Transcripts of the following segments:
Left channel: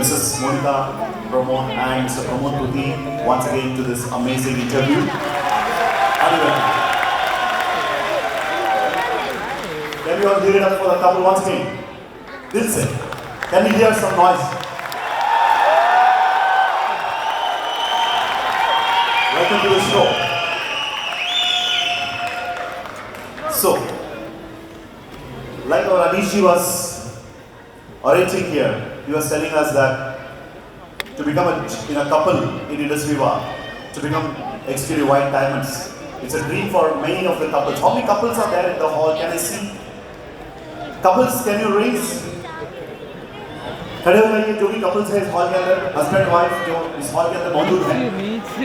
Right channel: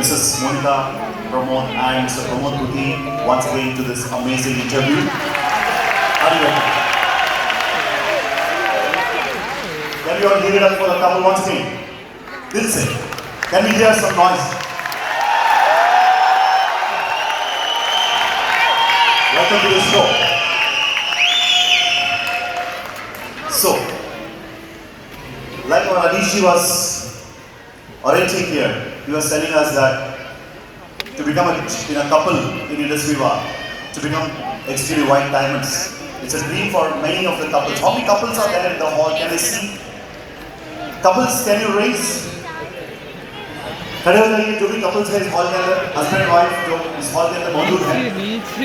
Mrs. Monica Pramod and Mr. Pramod Puthi once again to this amazing interview. Are you ready? Can we all give it up for the couple once again? Dilse, can we hear some noise? Welcome to the show. So, like what Adishi was orating here, he was telling us that to become a couple in industry war, to become extremely white diamonds, it's a dream for many of the couples. How many couples are there in the hall? Can I see? Couples, can you raise? खड़े हो जाइए जो भी couples है इस hall के अंदर, husband wife जो इस हॉल के अंदर मौजूद हैं,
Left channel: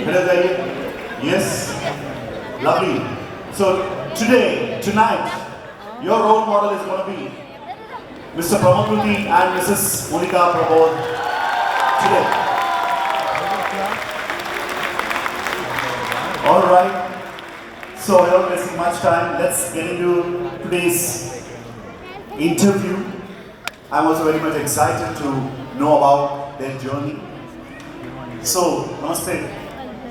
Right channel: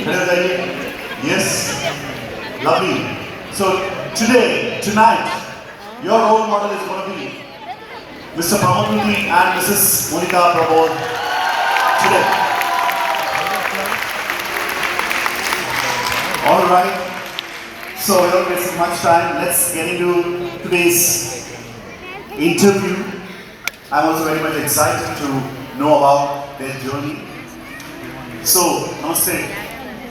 खड़े हो जाइए. Yes, lovely. So today, tonight, your role model is going to be Mr. Pramod Puthi and Mrs. Monica Pramod today. All right. So without wasting much time, let's get into today's interview. I'm also very much excited to know about their journey. So, namaste,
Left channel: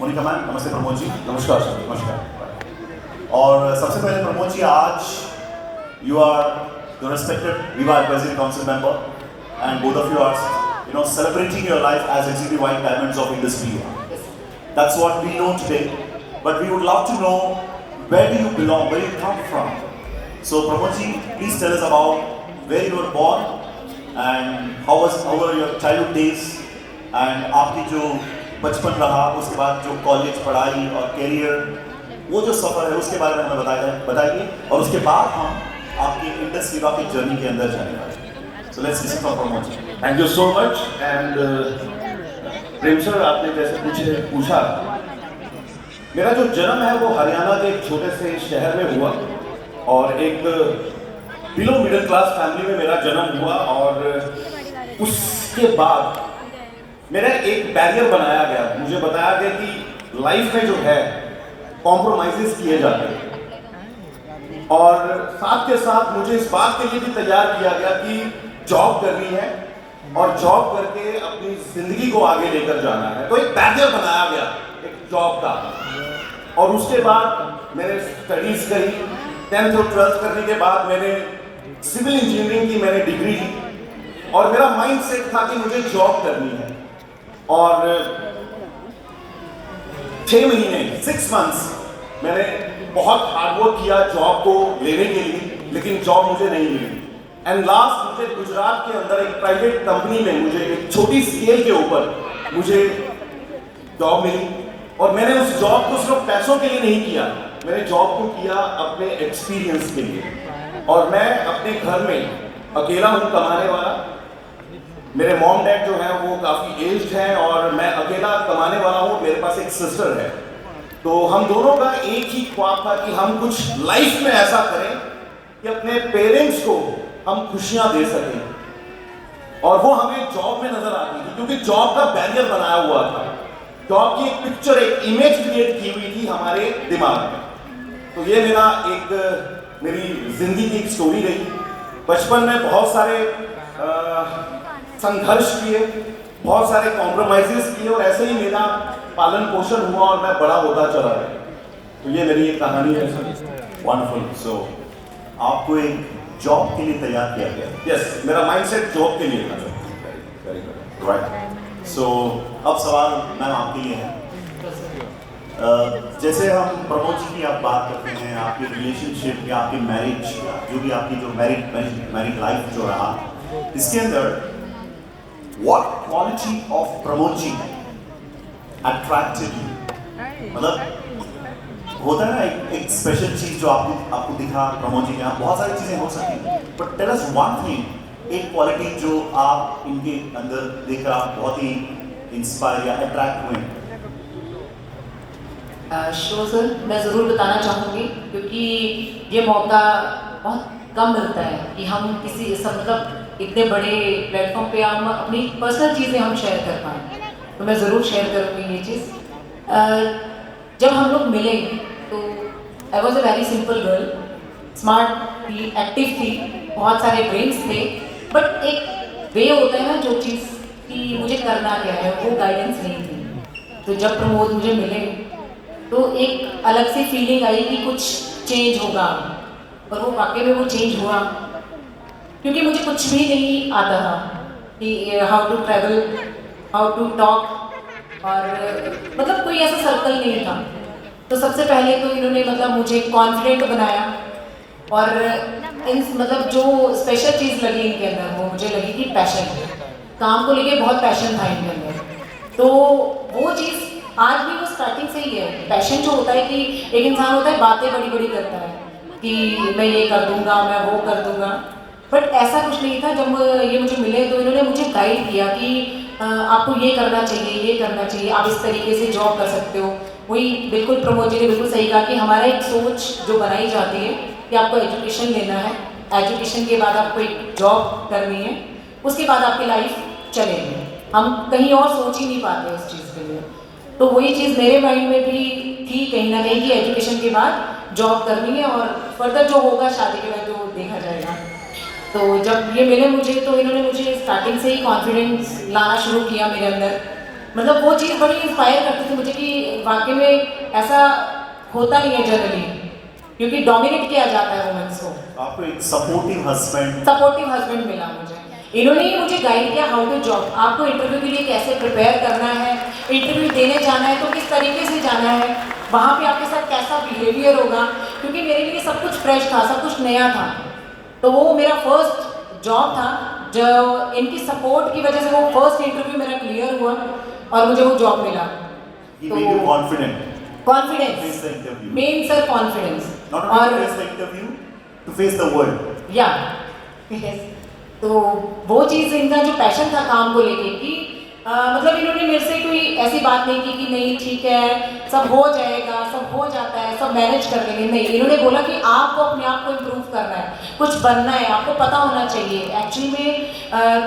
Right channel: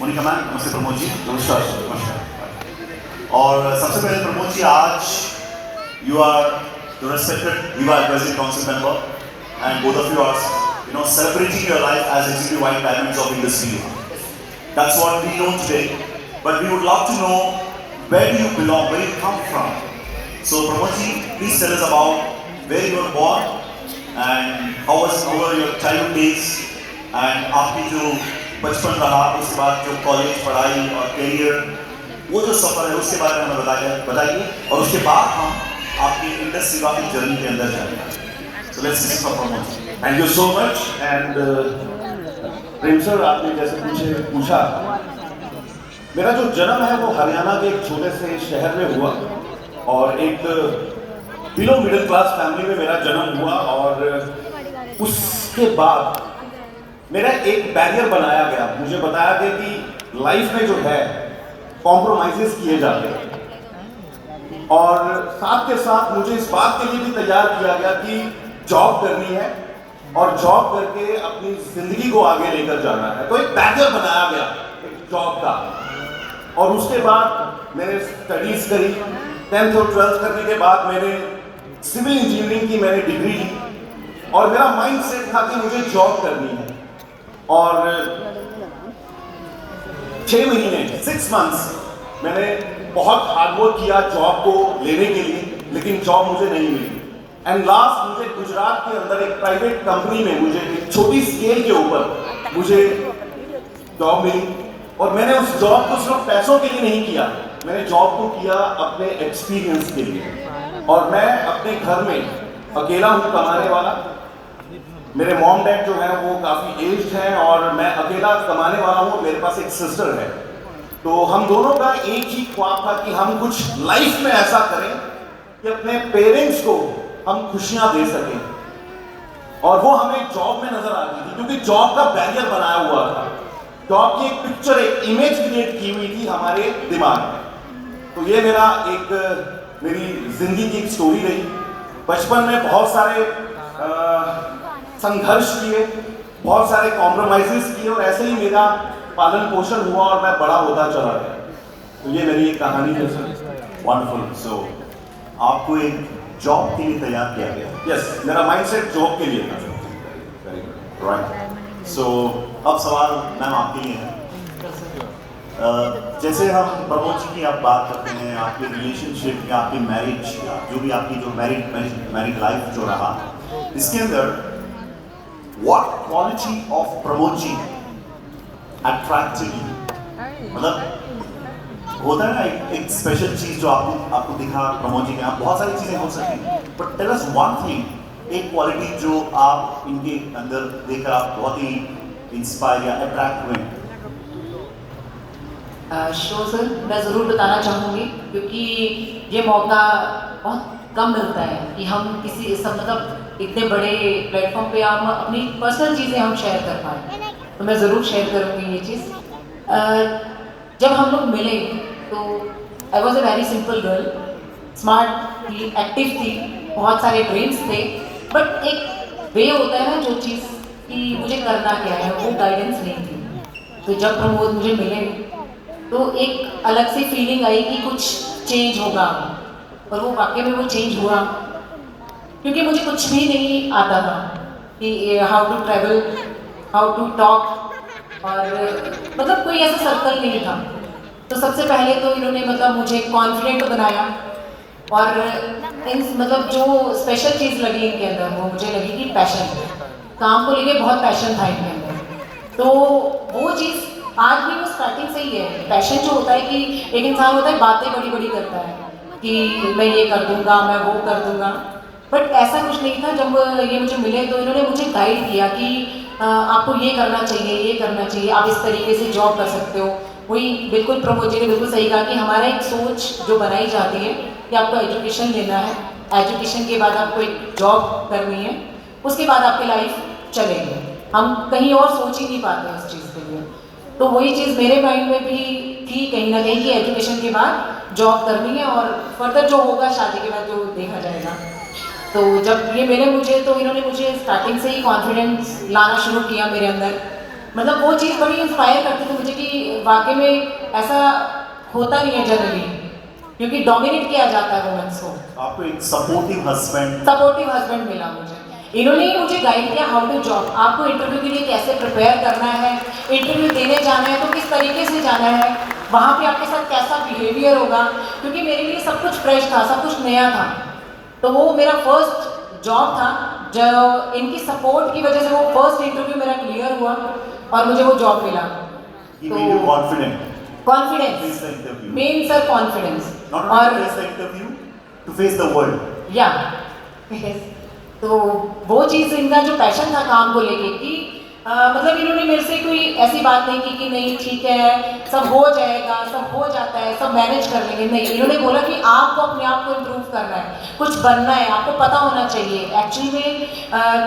Monica ma'am, namaste Pramod ji. नमस्कार sir, नमस्कार। और सबसे पहले प्रमोद जी, आज you are the respected Viva Advisory Council member, and both of you are, celebrating your life as executive white diamonds of industry. That's what we know today. But we would love to know where do you belong, where you come from. So Pramod ji, please tell us about where you were born and how were your childhood days, and आपकी जो बचपन रहा, उसके बाद जो college पढ़ाई और career, वो जो सफर है उसके बारे में हमें बताइए, और उसके बाद हम आपकी इंडस्ट्री की जर्नी के अंदर जाएंगे. So let's listen for Pramod ji. Thank you so much and Prem sir, आपने जैसे पूछा, मेरा जो जन्म है वो हरियाणा के एक छोटे से शहर में हुआ और एक बिलो मिडिल क्लास फैमिली में मेरा जन्म हुआ. और उसके बाद मेरा एक बैरियर बनाया गया, मुझे बताया गया कि लाइफ में जो है कॉम्प्रोमाइजेस किए जाते हैं, और साथ के साथ मुझे इस बात के लिए भी तैयार किया गया कि जॉब करनी है और जॉब करके अपनी जिंदगी को आगे लेकर जाना है. तो एक बैरियर बनाया गया एक जॉब का. और उसके बाद मैंने स्टडीज करी. 10th और 12th करने के बाद मैंने सिविल इंजीनियरिंग की मैंने डिग्री ली और मेरा माइंड सेट था कि मुझे जॉब करनी है. और 6 महीने 6 months मैंने बहुत हार्डवर्क किया जॉब को लेने के लिए, लेकिन जॉब मुझे नहीं मिली. एंड लास्ट मुझे गुजरात के अंदर एक प्राइवेट कंपनी में मुझे एक छोटी स्केल के ऊपर मुझे जॉब मिली. और मैंने उस जॉब को सिर्फ पैसों के लिए नहीं किया, मैंने जॉब को किया अपने एक्सपीरियंस के लिए. और मैं अपने घर में अकेला हूँ कमाने वाला. मेरे मॉम डैड जो हैं वो काफ़ी एज्ड हैं और मैं अकेला कमाने वाला हूँ. मेरे पास एक सिस्टर है. तो हम दोनों का एक ही ख्वाब था कि हम कुछ लाइफ में ऐसा करें कि अपने पेरेंट्स को हम खुशियाँ दे सकें. और वो हमें जॉब में नजर आती थी क्योंकि जॉब का बैरियर बनाया हुआ था. जॉब की एक पिक्चर, एक इमेज क्रिएट की हुई थी हमारे दिमाग में. तो ये मेरी जिंदगी की एक स्टोरी रही. बचपन में बहुत सारे संघर्ष किए, बहुत सारे कॉम्प्रोमाइजेस किए और ऐसे ही मेरा पालन पोषण हुआ और मैं बड़ा होता चला गया. तो ये मेरी एक कहानी है. वंडरफुल. सो आपको एक जॉब के लिए तैयार किया गया. यस, मेरा माइंडसेट जॉब के लिए था. राइट. सो अब सवाल मैम आपके लिए है. जैसे हम प्रमोद जी की आप बात करते हैं, आपकी रिलेशनशिप या आपकी मैरिज, जो भी आपकी जो मैरिड लाइफ जो रहा, इसके अंदर what quality of Pramod ji attracted you? मतलब होता है ना एक स्पेशल चीज जो आपको दिखा प्रमोद जी में. आप बहुत सारी चीजें हो सकती हैं, but tell us one thing, एक क्वालिटी जो आप इनके अंदर देखकर आप बहुत ही इंस्पायर या अट्रैक्ट हुए. श्योर सर, मैं ज़रूर बताना चाहूँगी क्योंकि ये मौका बहुत कम मिलता है कि हम किसी सब मतलब इतने बड़े प्लेटफॉर्म पे हम अपनी पर्सनल चीज़ें हम शेयर कर पाएँ. तो मैं ज़रूर शेयर करूँगी ये चीज़. जब हम लोग मिले तो I was a very simple girl, smart थी, एक्टिव थी, बहुत सारे ड्रीम्स थे, बट एक वे होता है ना जो चीज़ कि मुझे करना क्या है, वो गाइडेंस नहीं थी। तो जब प्रमोद मुझे मिले तो एक अलग सी फीलिंग आई कि कुछ चेंज होगा, और वो वाकई में वो चेंज हुआ। क्योंकि मुझे कुछ भी नहीं आता था कि how to travel, how to talk, और मतलब कोई ऐसा सर्कल नहीं था। तो सबसे पहले तो इन्होंने मतलब मुझे कॉन्फिडेंट बनाया, और इन मतलब जो स्पेशल चीज़ लगी इनके अंदर वो मुझे लगी कि पैशन, काम को लेके बहुत पैशन था इनके अंदर। तो वो चीज़ आज भी वो स्टार्टिंग से ही है। पैशन जो होता है कि एक इंसान होता है बातें बड़ी बड़ी करता है कि मैं ये कर दूंगा, मैं वो कर दूंगा, बट ऐसा कुछ नहीं था। जब ये मुझे मिले तो इन्होंने मुझे गाइड किया कि आपको ये करना चाहिए, ये करना चाहिए, आप इस तरीके से जॉब कर सकते हो। वही बिल्कुल प्रमोद जी ने बिल्कुल सही कहा कि हमारा एक सोच जो बनाई जाती है कि आपको एजुकेशन लेना है, एजुकेशन के बाद आपको एक जॉब करनी है, उसके बाद आपकी लाइफ चलेगी। हम कहीं और सोच ही नहीं पाते इस चीज़ के लिए। तो वही चीज़ मेरे माइंड में भी थी कहीं ना कहीं कि एजुकेशन के बाद जॉब करनी है, और फर्दर जो होगा शादी के बाद जो देखा जाएगा। तो जब ये मिले मुझे तो इन्होंने मुझे स्टार्टिंग से ही कॉन्फिडेंस लाना शुरू किया मेरे अंदर। मतलब वो चीज़ बड़ी इंस्पायर करती थी मुझे कि वाकई में ऐसा होता नहीं है जनरली, क्योंकि डोमिनेट किया जाता है वुमेन्स को। आपको एक सपोर्टिव हस्बैंड मिला मुझे। इन्होंने ही मुझे गाइड किया हाउ टू जॉब, आपको इंटरव्यू के लिए कैसे प्रिपेयर करना है, इंटरव्यू देने जाना है तो किस तरीके से जाना है, वहाँ पे आपके साथ कैसा बिहेवियर होगा, क्योंकि मेरे लिए सब कुछ फ्रेश था, सब कुछ नया था। तो वो मेरा फर्स्ट जॉब था, जो इनकी सपोर्ट की वजह से वो फर्स्ट इंटरव्यू मेरा क्लियर हुआ और मुझे वो जॉब मिला। He made you confident. Confidence, Face the interview. Main sir confidence, Not only to face the interview, to face the world. या तो वो चीज़ इनका जो पैशन था काम को लेके कि मतलब इन्होंने मेरे से कोई ऐसी बात नहीं की कि नहीं ठीक है सब हो जाएगा, सब हो जाता है, सब मैनेज कर लेंगे। नहीं, इन्होंने बोला कि आपको अपने आप को इम्प्रूव करना है, कुछ बनना है, आपको पता होना चाहिए एक्चुअली में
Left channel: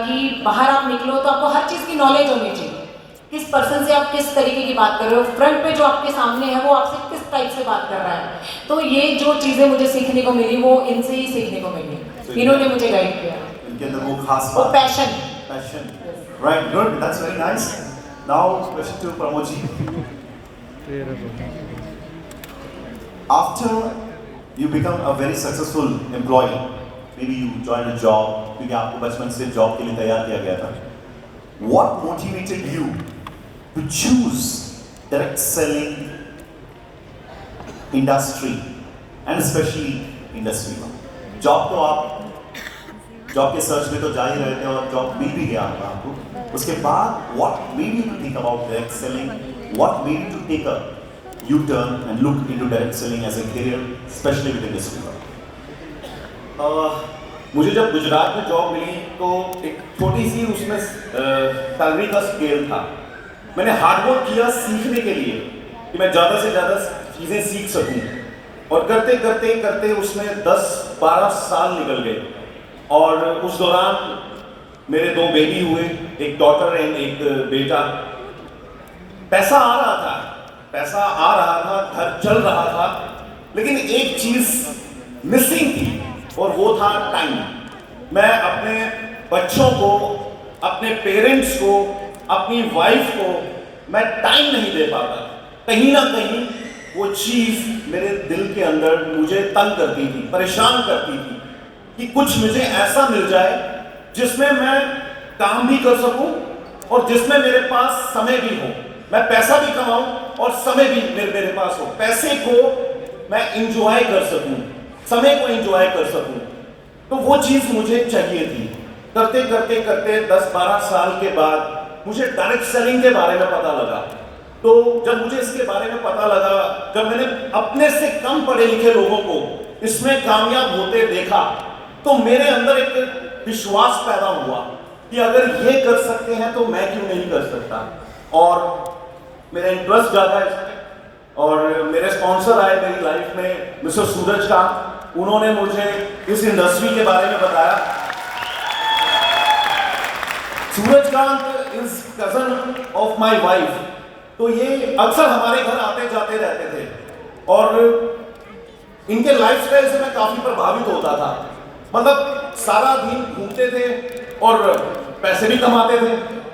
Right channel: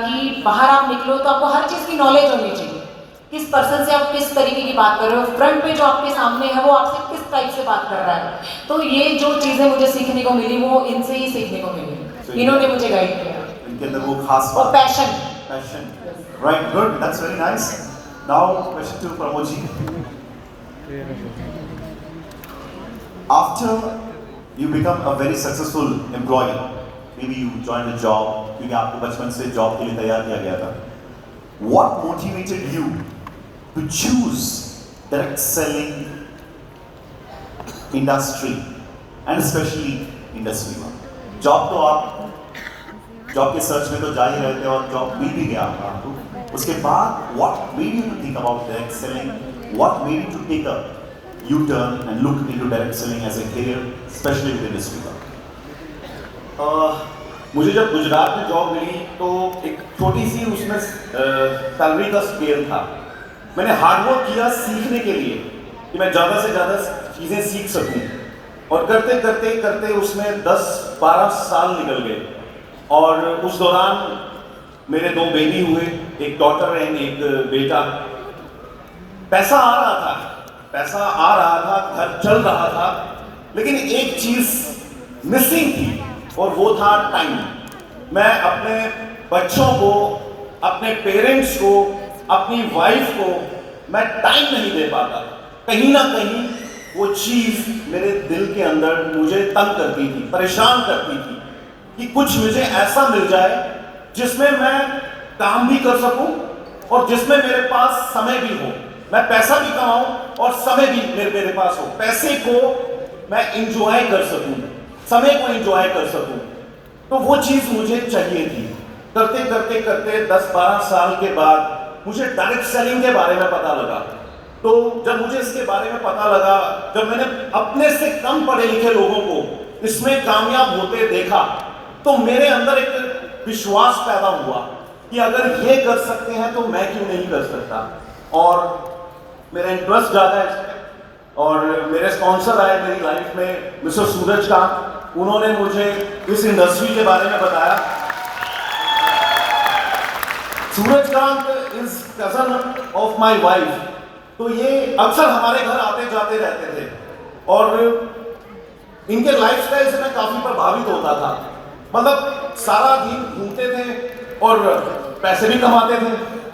कि बाहर आप निकलो तो आपको हर चीज़ की नॉलेज होनी चाहिए। किस पर्सन से आप किस तरीके की बात कर रहे हो, फ्रंट पे जो आपके सामने है वो आपसे किस टाइप से बात कर रहा है। तो ये जो चीज़ें मुझे सीखने को मिली वो इनसे ही सीखने को मिली, इन्होंने मुझे गाइड किया। इनके अंदर वो खास वो बात. Passion. Passion. Right, good. That's very nice. Now, question to Pramod ji. After you become a very successful employee, maybe you joined a job, क्योंकि आपको बचपन से जॉब के लिए तैयार किया गया था. What motivated you to choose direct selling industry and especially industry one? Job तो आप जॉब के सर्च में तो जा ही रहे थे और जॉब मिल भी गया आपको। उसके बाद what made you to think about direct selling, what made you to take a U turn and look into direct selling as a career, specially with industry work? मुझे जब गुजरात में जॉब मिली तो एक छोटी सी उसमें सैलरी का स्केल था। मैंने हार्डवर्क किया सीखने के लिए कि मैं ज़्यादा से ज़्यादा चीज़ें सीख सकूं, और करते करते करते उसमें 10-12 साल निकल गए। और उस दौरान मेरे 2 बेबी हुए, एक डॉटर एंड एक बेटा। पैसा आ रहा था, घर चल रहा था, लेकिन एक चीज मिसिंग थी और वो था टाइम। मैं अपने बच्चों को, अपने पेरेंट्स को, अपनी वाइफ को मैं टाइम नहीं दे पाता। कहीं ना कहीं वो चीज मेरे दिल के अंदर मुझे तंग करती थी, परेशान करती थी कि कुछ मुझे ऐसा मिल जाए जिसमें मैं काम भी कर सकूं और जिसमें मेरे पास समय भी हो, मैं पैसा भी कमाऊं और समय भी मेरे पास हो, पैसे को मैं इंजॉय कर सकूं, समय को इंजॉय कर सकूं। तो वो चीज मुझे चाहिए थी। करते करते करते 10-12 साल के बाद मुझे डायरेक्ट सेलिंग के बारे में पता लगा। तो जब मुझे इसके बारे में पता लगा, जब मैंने अपने से कम पढ़े लिखे लोगों को इसमें कामयाब होते देखा, तो मेरे अंदर एक विश्वास पैदा हुआ कि अगर ये कर सकते हैं तो मैं क्यों नहीं कर सकता। और मेरा इंटरेस्ट ज़्यादा है इसमें। और मेरे स्पॉन्सर आए मेरी लाइफ में, मिस्टर सूरजकांत, उन्होंने मुझे इस इंडस्ट्री के बारे में बताया। Surajkant is cousin of my wife, तो ये अक्सर हमारे घर आते जाते रहते थे और इनके लाइफस्टाइल से मैं काफी प्रभावित होता था। मतलब सारा दिन घूमते थे और पैसे भी कमाते थे,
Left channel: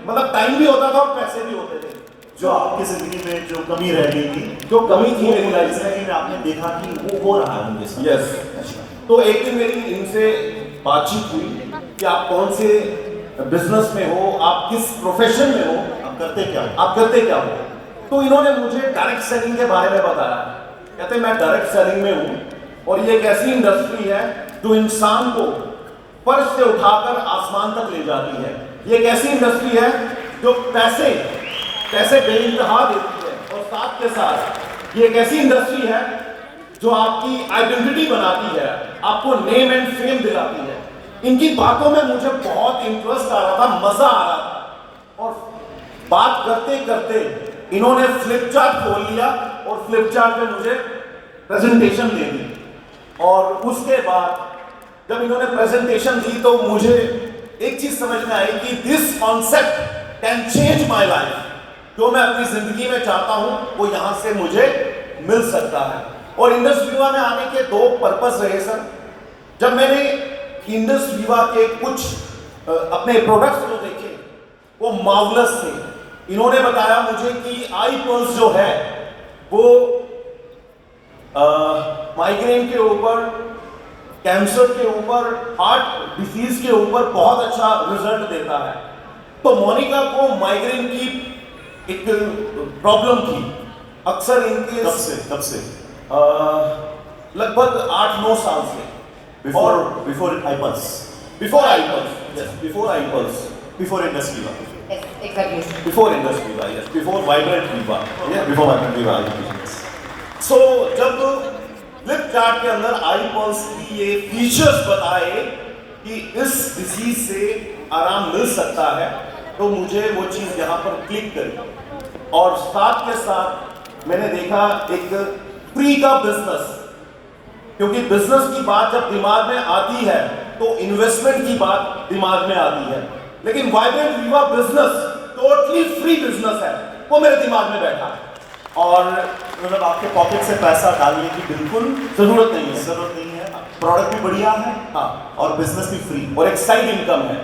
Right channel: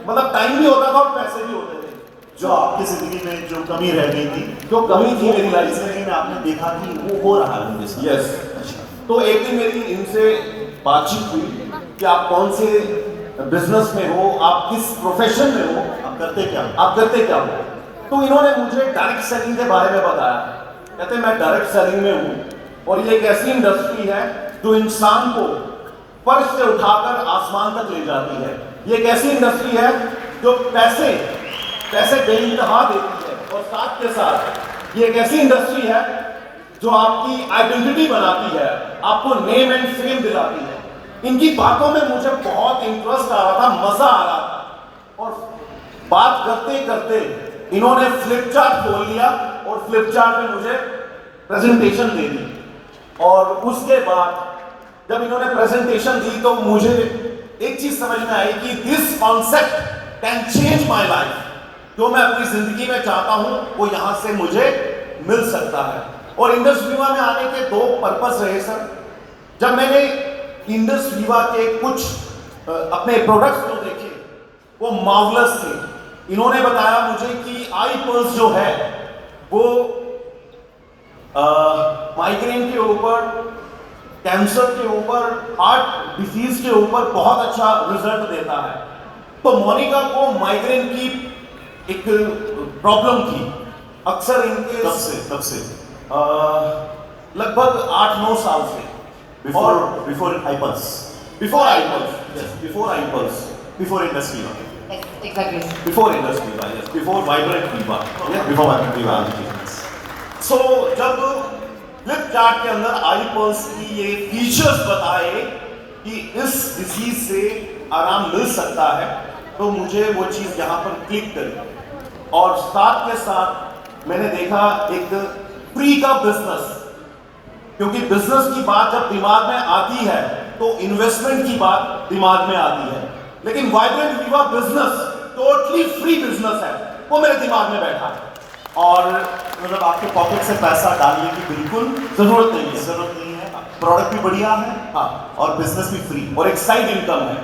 मतलब टाइम भी होता था और पैसे भी होते थे। जो आपकी जिंदगी में जो कमी रह गई थी, जो कमी थी मेरी लाइफ जिंदगी में, में आपने देखा कि वो हो रहा है उनके साथ। यस। तो एक दिन मेरी इनसे बातचीत हुई कि आप कौन से बिजनेस में हो, आप किस प्रोफेशन में हो, आप करते क्या? आप करते क्या हो। तो इन्होंने मुझे डायरेक्ट सेलिंग के बारे में बताया। कहते मैं डायरेक्ट सेलिंग में हूँ और ये एक ऐसी इंडस्ट्री है जो इंसान को फर्श से उठाकर आसमान तक ले जाती है। ये एक ऐसी इंडस्ट्री है जो पैसे बेइंतहा देती है, और साथ के साथ ये एक ऐसी इंडस्ट्री है जो आपकी आइडेंटिटी बनाती है, आपको नेम एंड फेम दिलाती है। इनकी बातों में मुझे बहुत इंटरेस्ट आ रहा था, मजा आ रहा था, और बात करते करते इन्होंने फ्लिपचार्ट खोल लिया और फ्लिपचार्ट में मुझे प्रेजेंटेशन दे दी। और उसके बाद जब इन्होंने प्रेजेंटेशन दी तो मुझे एक चीज समझ में आई कि this concept can change my life. जो मैं अपनी जिंदगी में चाहता हूं वो यहां से मुझे मिल सकता है। और इंडस विवा में आने के दो पर्पस रहे सर। जब मैंने इंडस विवा के कुछ अपने प्रोडक्ट्स जो देखे वो मार्वलस थे। इन्होंने बताया मुझे कि आई पल्स जो है वो माइग्रेन के ऊपर, कैंसर के ऊपर, हार्ट डिजीज के ऊपर बहुत अच्छा रिजल्ट देता है। तो मोनिका को माइग्रेन की एक प्रॉब्लम थी। अक्सर इनके कब से लगभग 8-9 साल से। बिफोर आईपल्स, बिफोर आईपल्स, before industry, Exactly. Before industry, yes, before vibrant Viva, before Viva. So जब फ्लिपचार्ट के अंदर आईपल्स की ये फीचर्स बताए कि इस डिजीज से आराम मिल सकता है, तो मुझे वो चीज यहां पर क्लिक करी। और साथ के साथ मैंने देखा एक फ्री का बिजनेस, क्योंकि बिजनेस की बात जब दिमाग में आती है तो इन्वेस्टमेंट की बात दिमाग में आती है। लेकिन वाइब्रेंट विवा बिजनेस टोटली फ्री बिजनेस है, वो मेरे दिमाग में बैठा। और मतलब आपके पॉकेट से पैसा डालने की बिल्कुल जरूरत नहीं है। जरूरत नहीं है। प्रोडक्ट भी बढ़िया है, हाँ, और बिजनेस भी फ्री, और एक साइड इनकम है।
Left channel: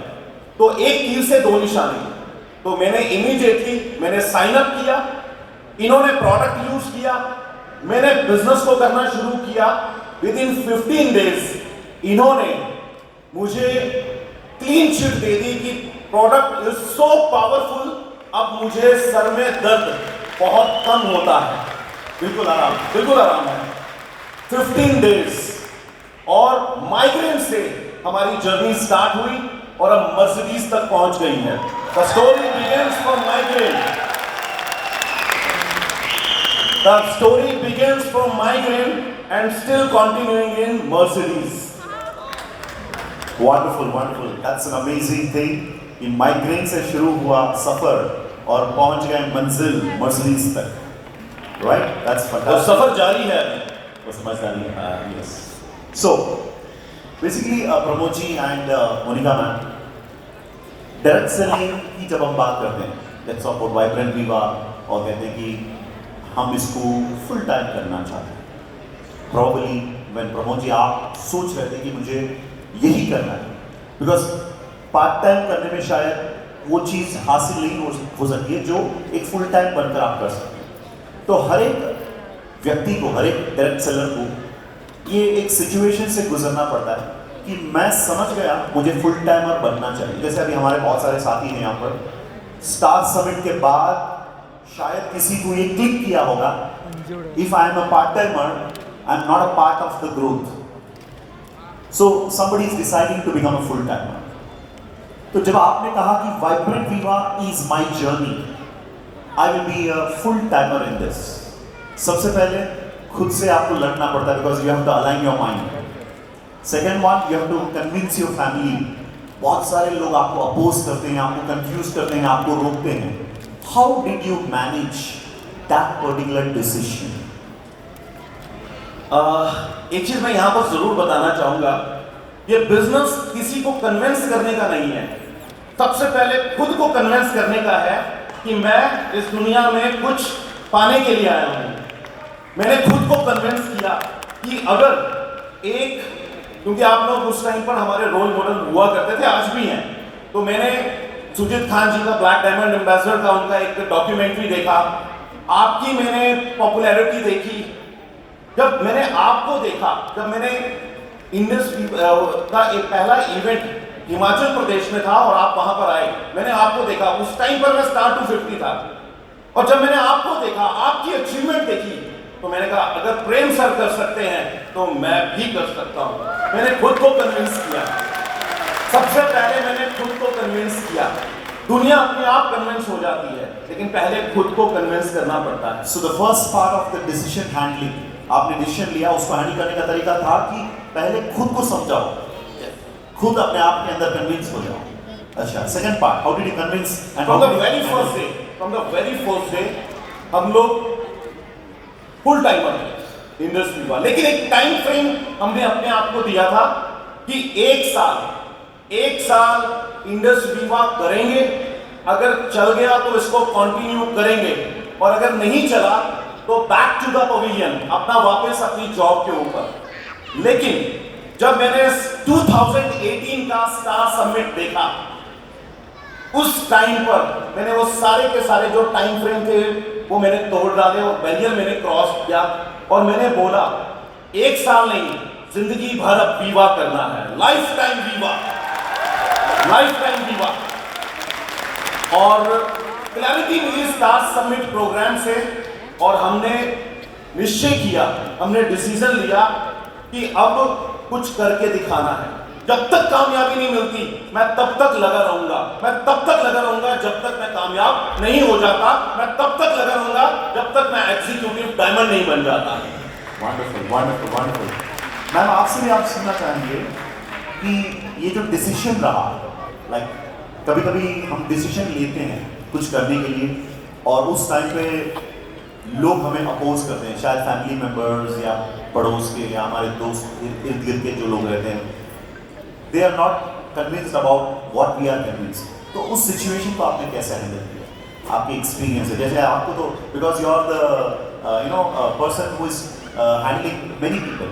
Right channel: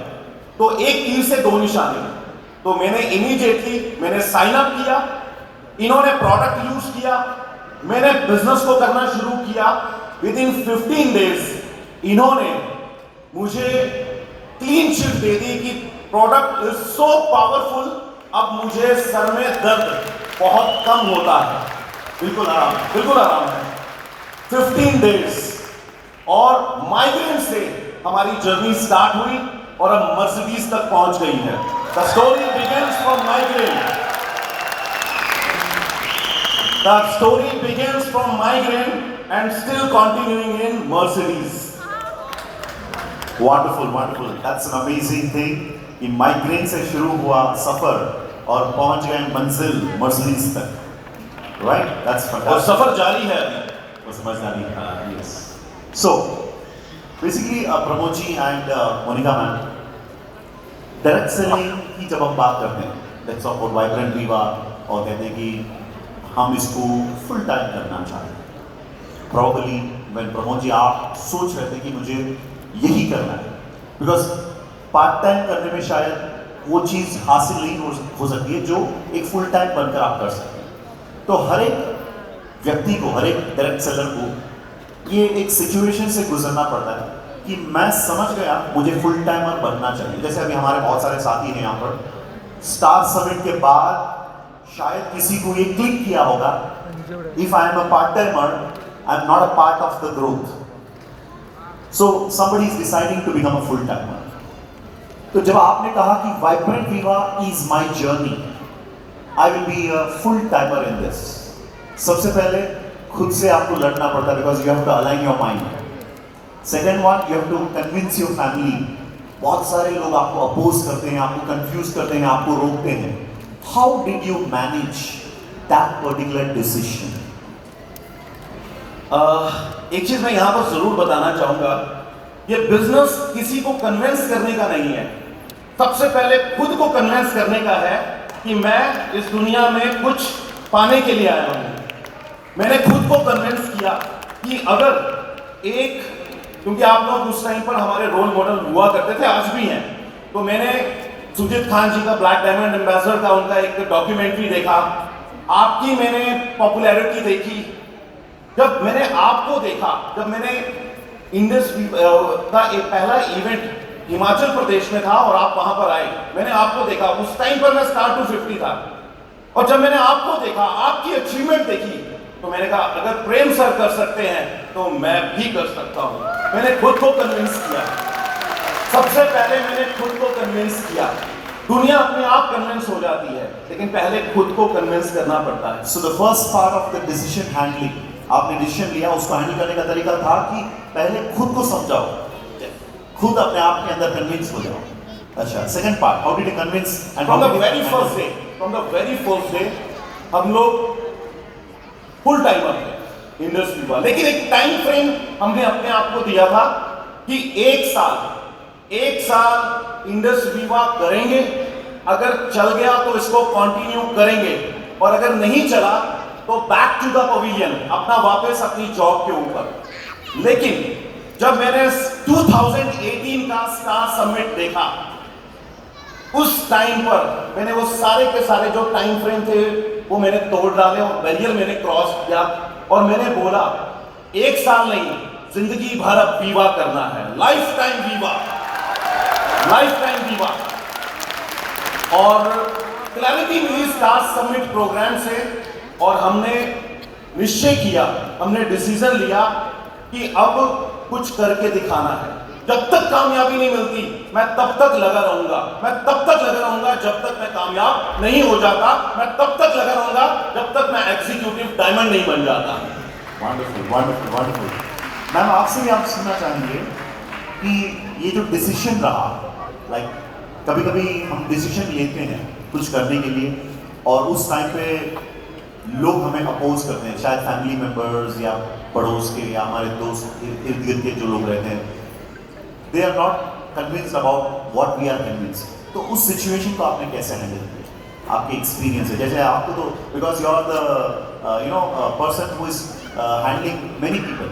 तो एक तीर से दो निशाने। तो मैंने इमीडिएटली साइन अप किया, इन्होंने प्रोडक्ट यूज किया, मैंने बिजनेस को करना शुरू किया। विद इन 15 डेज इन्होंने मुझे क्लीन चिट दे दी कि प्रोडक्ट इज सो पावरफुल, अब मुझे सर में दर्द बहुत कम होता है, बिल्कुल आराम है। 15 डेज और माइग्रेन से हमारी जर्नी स्टार्ट हुई और अब मर्सिडीज तक पहुंच गई है। The story begins from migraine. The story begins from migraine and still continuing in Mercedes. Wonderful, wonderful, that's an amazing thing. कि माइग्रेन से शुरू हुआ सफर और पहुंच गए मंजिल मर्सिडीज तक, राइट? दैट्स और फैंटास्टिक। सफर जारी है। वो समझदारी, yes. So basically Pramod ji and Monica ma'am, direct selling की जब हम बात करते हैं, लेट्स टॉक अबाउट वाइब्रेंट विवा, और कहते हैं कि हम इसको फुल टाइम करना चाहते हैं। प्रॉब्ली व्हेन प्रमोद जी आप सोच रहे थे कि मुझे यही करना है, बिकॉज पार्ट टाइम करने में शायद वो चीज़ हासिल नहीं हो सकती है जो एक फुल टाइम बनकर आप कर सकते हैं। तो हर एक व्यक्ति को, हर एक डायरेक्ट सेलर को ये एक सिचुएशन से गुजरना पड़ता है कि मैं समझ गया मुझे फुल टाइमर बनना चाहिए। जैसे अभी हमारे बहुत सारे साथी हैं यहाँ पर, स्टार समिट के बाद शायद किसी को ये क्लिक किया होगा, if I am a part timer I am not a part of the growth, so somebody is deciding to become a full timer. तो जब आपने कहा कि Vibrant Viva is my journey, I will be a full timer in this, सबसे पहले खुद से आपको लड़ना पड़ता है, because you have to align your mind. Second one, you have to convince your family. बहुत सारे लोग आपको अपोज करते हैं, आपको कंफ्यूज करते हैं, आपको रोकते हैं। How did you manage that particular decision? एक चीज मैं यहां पर जरूर बताना चाहूंगा, ये बिजनेस किसी को कन्विंस करने का नहीं है। सबसे पहले खुद को कन्विंस करने का है कि मैं इस दुनिया में कुछ पाने के लिए आया हूं। मैंने खुद को कन्विंस किया कि अगर क्योंकि आप लोग उस टाइम पर हमारे रोल मॉडल हुआ करते थे, आज भी हैं, तो मैंने सुजीत खान जी का ब्लैक डायमंड एम्बेसडर का उनका एक डॉक्यूमेंट्री देखा, आपकी मैंने पॉपुलैरिटी देखी। जब मैंने आपको देखा, जब मैंने इंडस का एक पहला इवेंट हिमाचल प्रदेश में था और आप वहां पर आए, मैंने आपको देखा, उस टाइम पर मैं स्टार 250 था। और जब मैंने आपको देखा, आपकी अचीवमेंट देखी, तो मैंने कहा अगर प्रेम सर कर सकते हैं तो मैं भी कर सकता हूं। मैंने खुद को कन्विंस किया, सबसे पहले मैंने खुद को कन्विंस किया। दुनिया अपने आप कन्विंस हो जाती है, लेकिन पहले खुद को कन्विंस करना पड़ता है। So the first part of the decision handling, आपने डिसीजन लिया, उसको हैंडल करने का तरीका था कि पहले खुद को समझाओ, खुद अपने आप के अंदर कन्विंस हो जाओ। अच्छा, second part, how did you convince? And from the very first day हम लोग फुल टाइमर थे इंडस्ट्री वाले, लेकिन एक टाइम फ्रेम हमने अपने आप को दिया था कि एक साल इंडस्ट्री विवा करेंगे, अगर चल गया तो इसको कंटिन्यू करेंगे, और अगर नहीं चला तो बैक टू द पवेलियन, अपना वापस अपनी जॉब के ऊपर। लेकिन जब मैंने 2018 का स्टार समिट देखा, उस टाइम पर मैंने वो सारे के सारे जो टाइम फ्रेम थे वो मैंने तोड़ डाले और बैरियर मैंने क्रॉस किया, और मैंने बोला एक साल नहीं, जिंदगी भर अब विवा करना है, लाइफ टाइम विवा, लाइफ टाइम विवा। और क्लैरिटी मिली स्टार समिट प्रोग्राम से, और हमने निश्चय किया, हमने डिसीजन लिया कि अब कुछ करके दिखाना है। जब तक कामयाबी नहीं मिलती मैं तब तक लगा रहूंगा, मैं तब तक लगा रहूंगा जब तक मैं कामयाब नहीं हो जाता, मैं तब तक लगा रहूंगा जब तक मैं एग्जीक्यूटिव डायमंड नहीं बन जाता। Wonderful, wonderful, wonderful. मैम, आपसे भी आप सुनना चाहेंगे कि ये जो डिसीजन रहा, लाइक कभी कभी हम डिसीजन लेते हैं कुछ करने के लिए, और उस टाइम पे लोग हमें अपोज करते हैं, शायद फैमिली मेम्बर्स या पड़ोस के या हमारे दोस्त इर्द गिर्द के जो लोग रहते हैं, they are not convinced about what we are convinced. तो उस सिचुएशन को आपने कैसे हैंडल किया? आपके एक्सपीरियंस है, जैसे आपको तो because you are the person who is handling many people.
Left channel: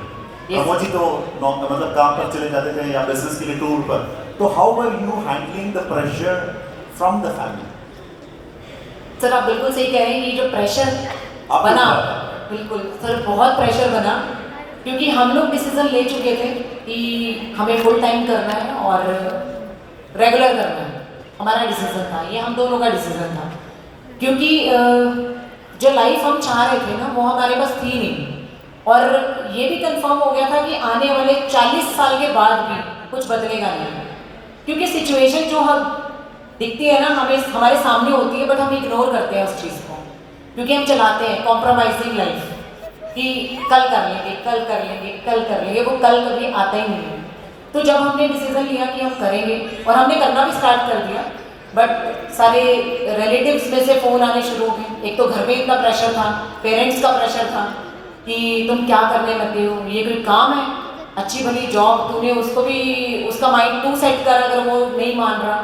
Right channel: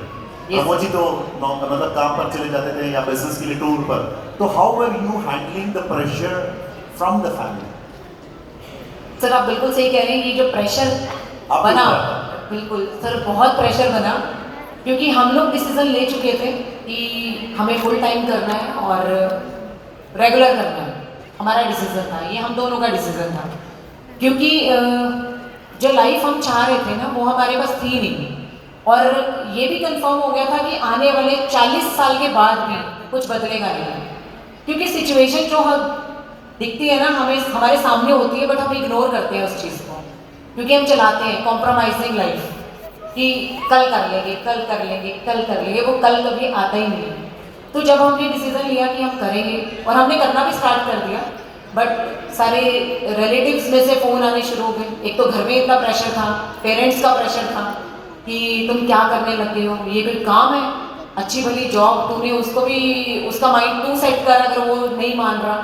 Pramod ji तो मतलब काम पर चले जाते थे या बिजनेस के लिए टूर पर, तो how were you handling the pressure from the family? Sir आप बिल्कुल सही कह रहे हैं, ये जो प्रेशर बना, बिल्कुल सर बहुत प्रेशर बना, क्योंकि हम लोग डिसीजन ले चुके थे कि हमें फुल टाइम करना है और रेगुलर करना है। हमारा डिसीजन था, ये हम दोनों का डिसीजन था, क्योंकि जो लाइफ हम चाह रहे थे ना वो हमारे पास थी नहीं, और ये भी कंफर्म हो गया था कि आने वाले 40 साल के बाद भी कुछ बदलेगा नहीं, क्योंकि सिचुएशन जो हम दिखती है ना हमें हमारे सामने होती है, बट हम इग्नोर करते हैं उस चीज़ को, क्योंकि हम चलाते हैं कॉम्प्रोमाइजिंग लाइफ कि कल कर लेंगे, कल कर लेंगे, कल कर लेंगे, वो कल कभी आता ही नहीं है। तो जब हमने डिसीजन लिया कि हम करेंगे, और हमने करना भी स्टार्ट कर दिया, बट सारे रिलेटिव्स में से फ़ोन आने शुरू हो गए। एक तो घर में इतना प्रेशर था, पेरेंट्स का प्रेशर था कि तुम क्या करने लगे हो, ये कोई काम है, अच्छी भली जॉब तूने उसको भी उसका माइंड तू सेट कर, अगर वो नहीं मान रहा।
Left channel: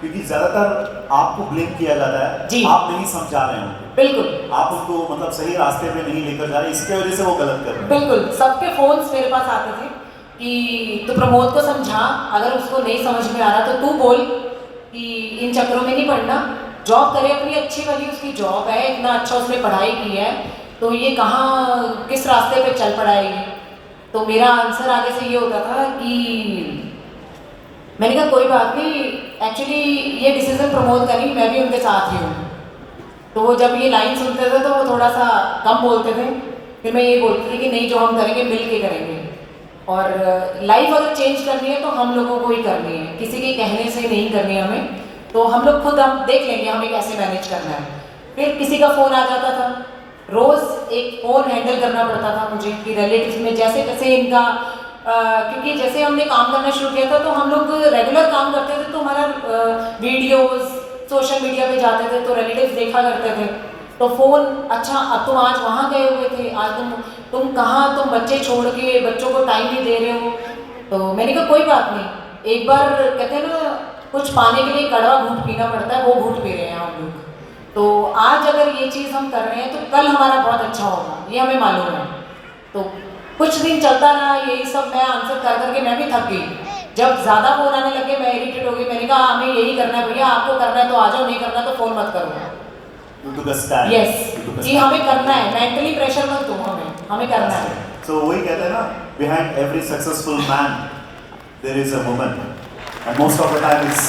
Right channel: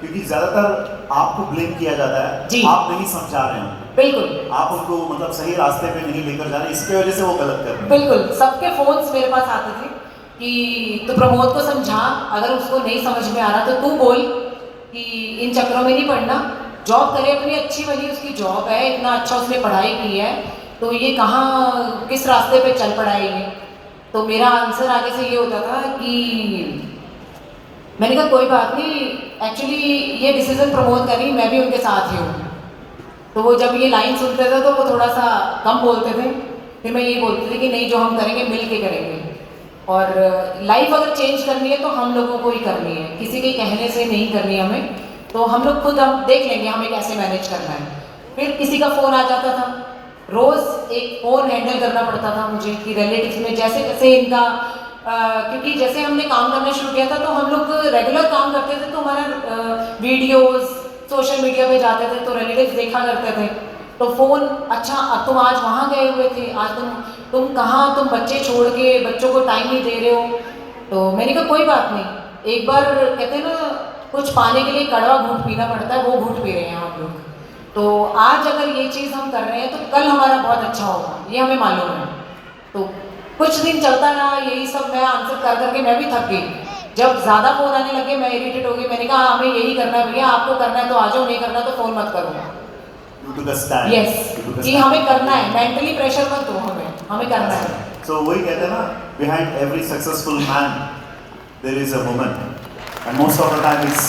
क्योंकि ज्यादातर आपको ब्लेम किया जाता है जी, आप नहीं समझा रहे हो, बिल्कुल आप उसको मतलब सही रास्ते पे नहीं लेकर जा रहे, इसके वजह से वो गलत कर रहे हैं। बिल्कुल, सबके फोन्स मेरे पास आते थे कि तू प्रमोद को समझा, अगर उसको नहीं समझ में आ रहा तो तू बोल कि इन चक्करों में नहीं पड़ना, जॉब करे अपनी अच्छी वाली, उसकी जॉब है, इतना अच्छा उसने पढ़ाई की है, तो ये कहाँ किस रास्ते पे चल पड़ा है ये। तो मेरा आंसर आगे से ये होता था कि मैंने कहा कोई बात नहीं, एक्चुअली ये डिसीजन प्रमोद करी, मैं भी उनके साथ ही हूँ। तो वो जब ये लाइन सुनते थे तो वो थोड़ा सा कम बोलते थे, फिर मैं यही बोलती थी कि नहीं, जो हम करेंगे मिल के करेंगे, और लाइफ अगर चेंज करनी है तो हम लोगों को ही करनी है, किसी के कहने से नहीं करनी है हमें, तो हम लोग खुद हम देख लेंगे हमें कैसे मैनेज करना है। फिर किसी का फ़ोन आ जाता था, रोज़ एक फ़ोन हैंडल करना पड़ता था मुझे कि रिलेटिव्स में जैसे जैसे इनका क्योंकि जैसे हमने काम करना शुरू किया था तो हम लोग रेगुलर काम करते थे, तो हमारा वीडियोस सोशल मीडिया पे जाते थे तो रिलेटिव्स देखा करते थे, तो फ़ोन अच्छा अब तुम आज वहाँ गए हुए थे, आज तुम कहाँ, तुम बच्चे छोड़ के बच्चों को टाइम नहीं दे रहे हो। तो मैंने कहा कोई बात नहीं, एक बार कहते हैं ना कुछ पाने के लिए कड़वा घूंट पीना पड़ता है, वो घूंट पी रहे हैं हम लोग। तो आज अगर ये चीज़ हम कर रहे हैं तो कल हमारा बहुत अच्छा होगा, ये हमें मालूम है। तो कुछ दिन चलता रहा यही सब, मैं आंसर कर करके मैं भी थक गई। जब ज़्यादा फ़ोन आने लगे मैं इरिटेट हो गई, मैंने कहा हमें यही करना है भैया, आपको करना है तो आ जाओ, नहीं करना तो फ़ोन मत करो। You took a stand. Yes You took a कि stand. हमें करना है, मेंटली प्रेशर मत दो, हमें करना है। So वही कहते हैं ना, behind every successful man there is a woman, and most of the time it's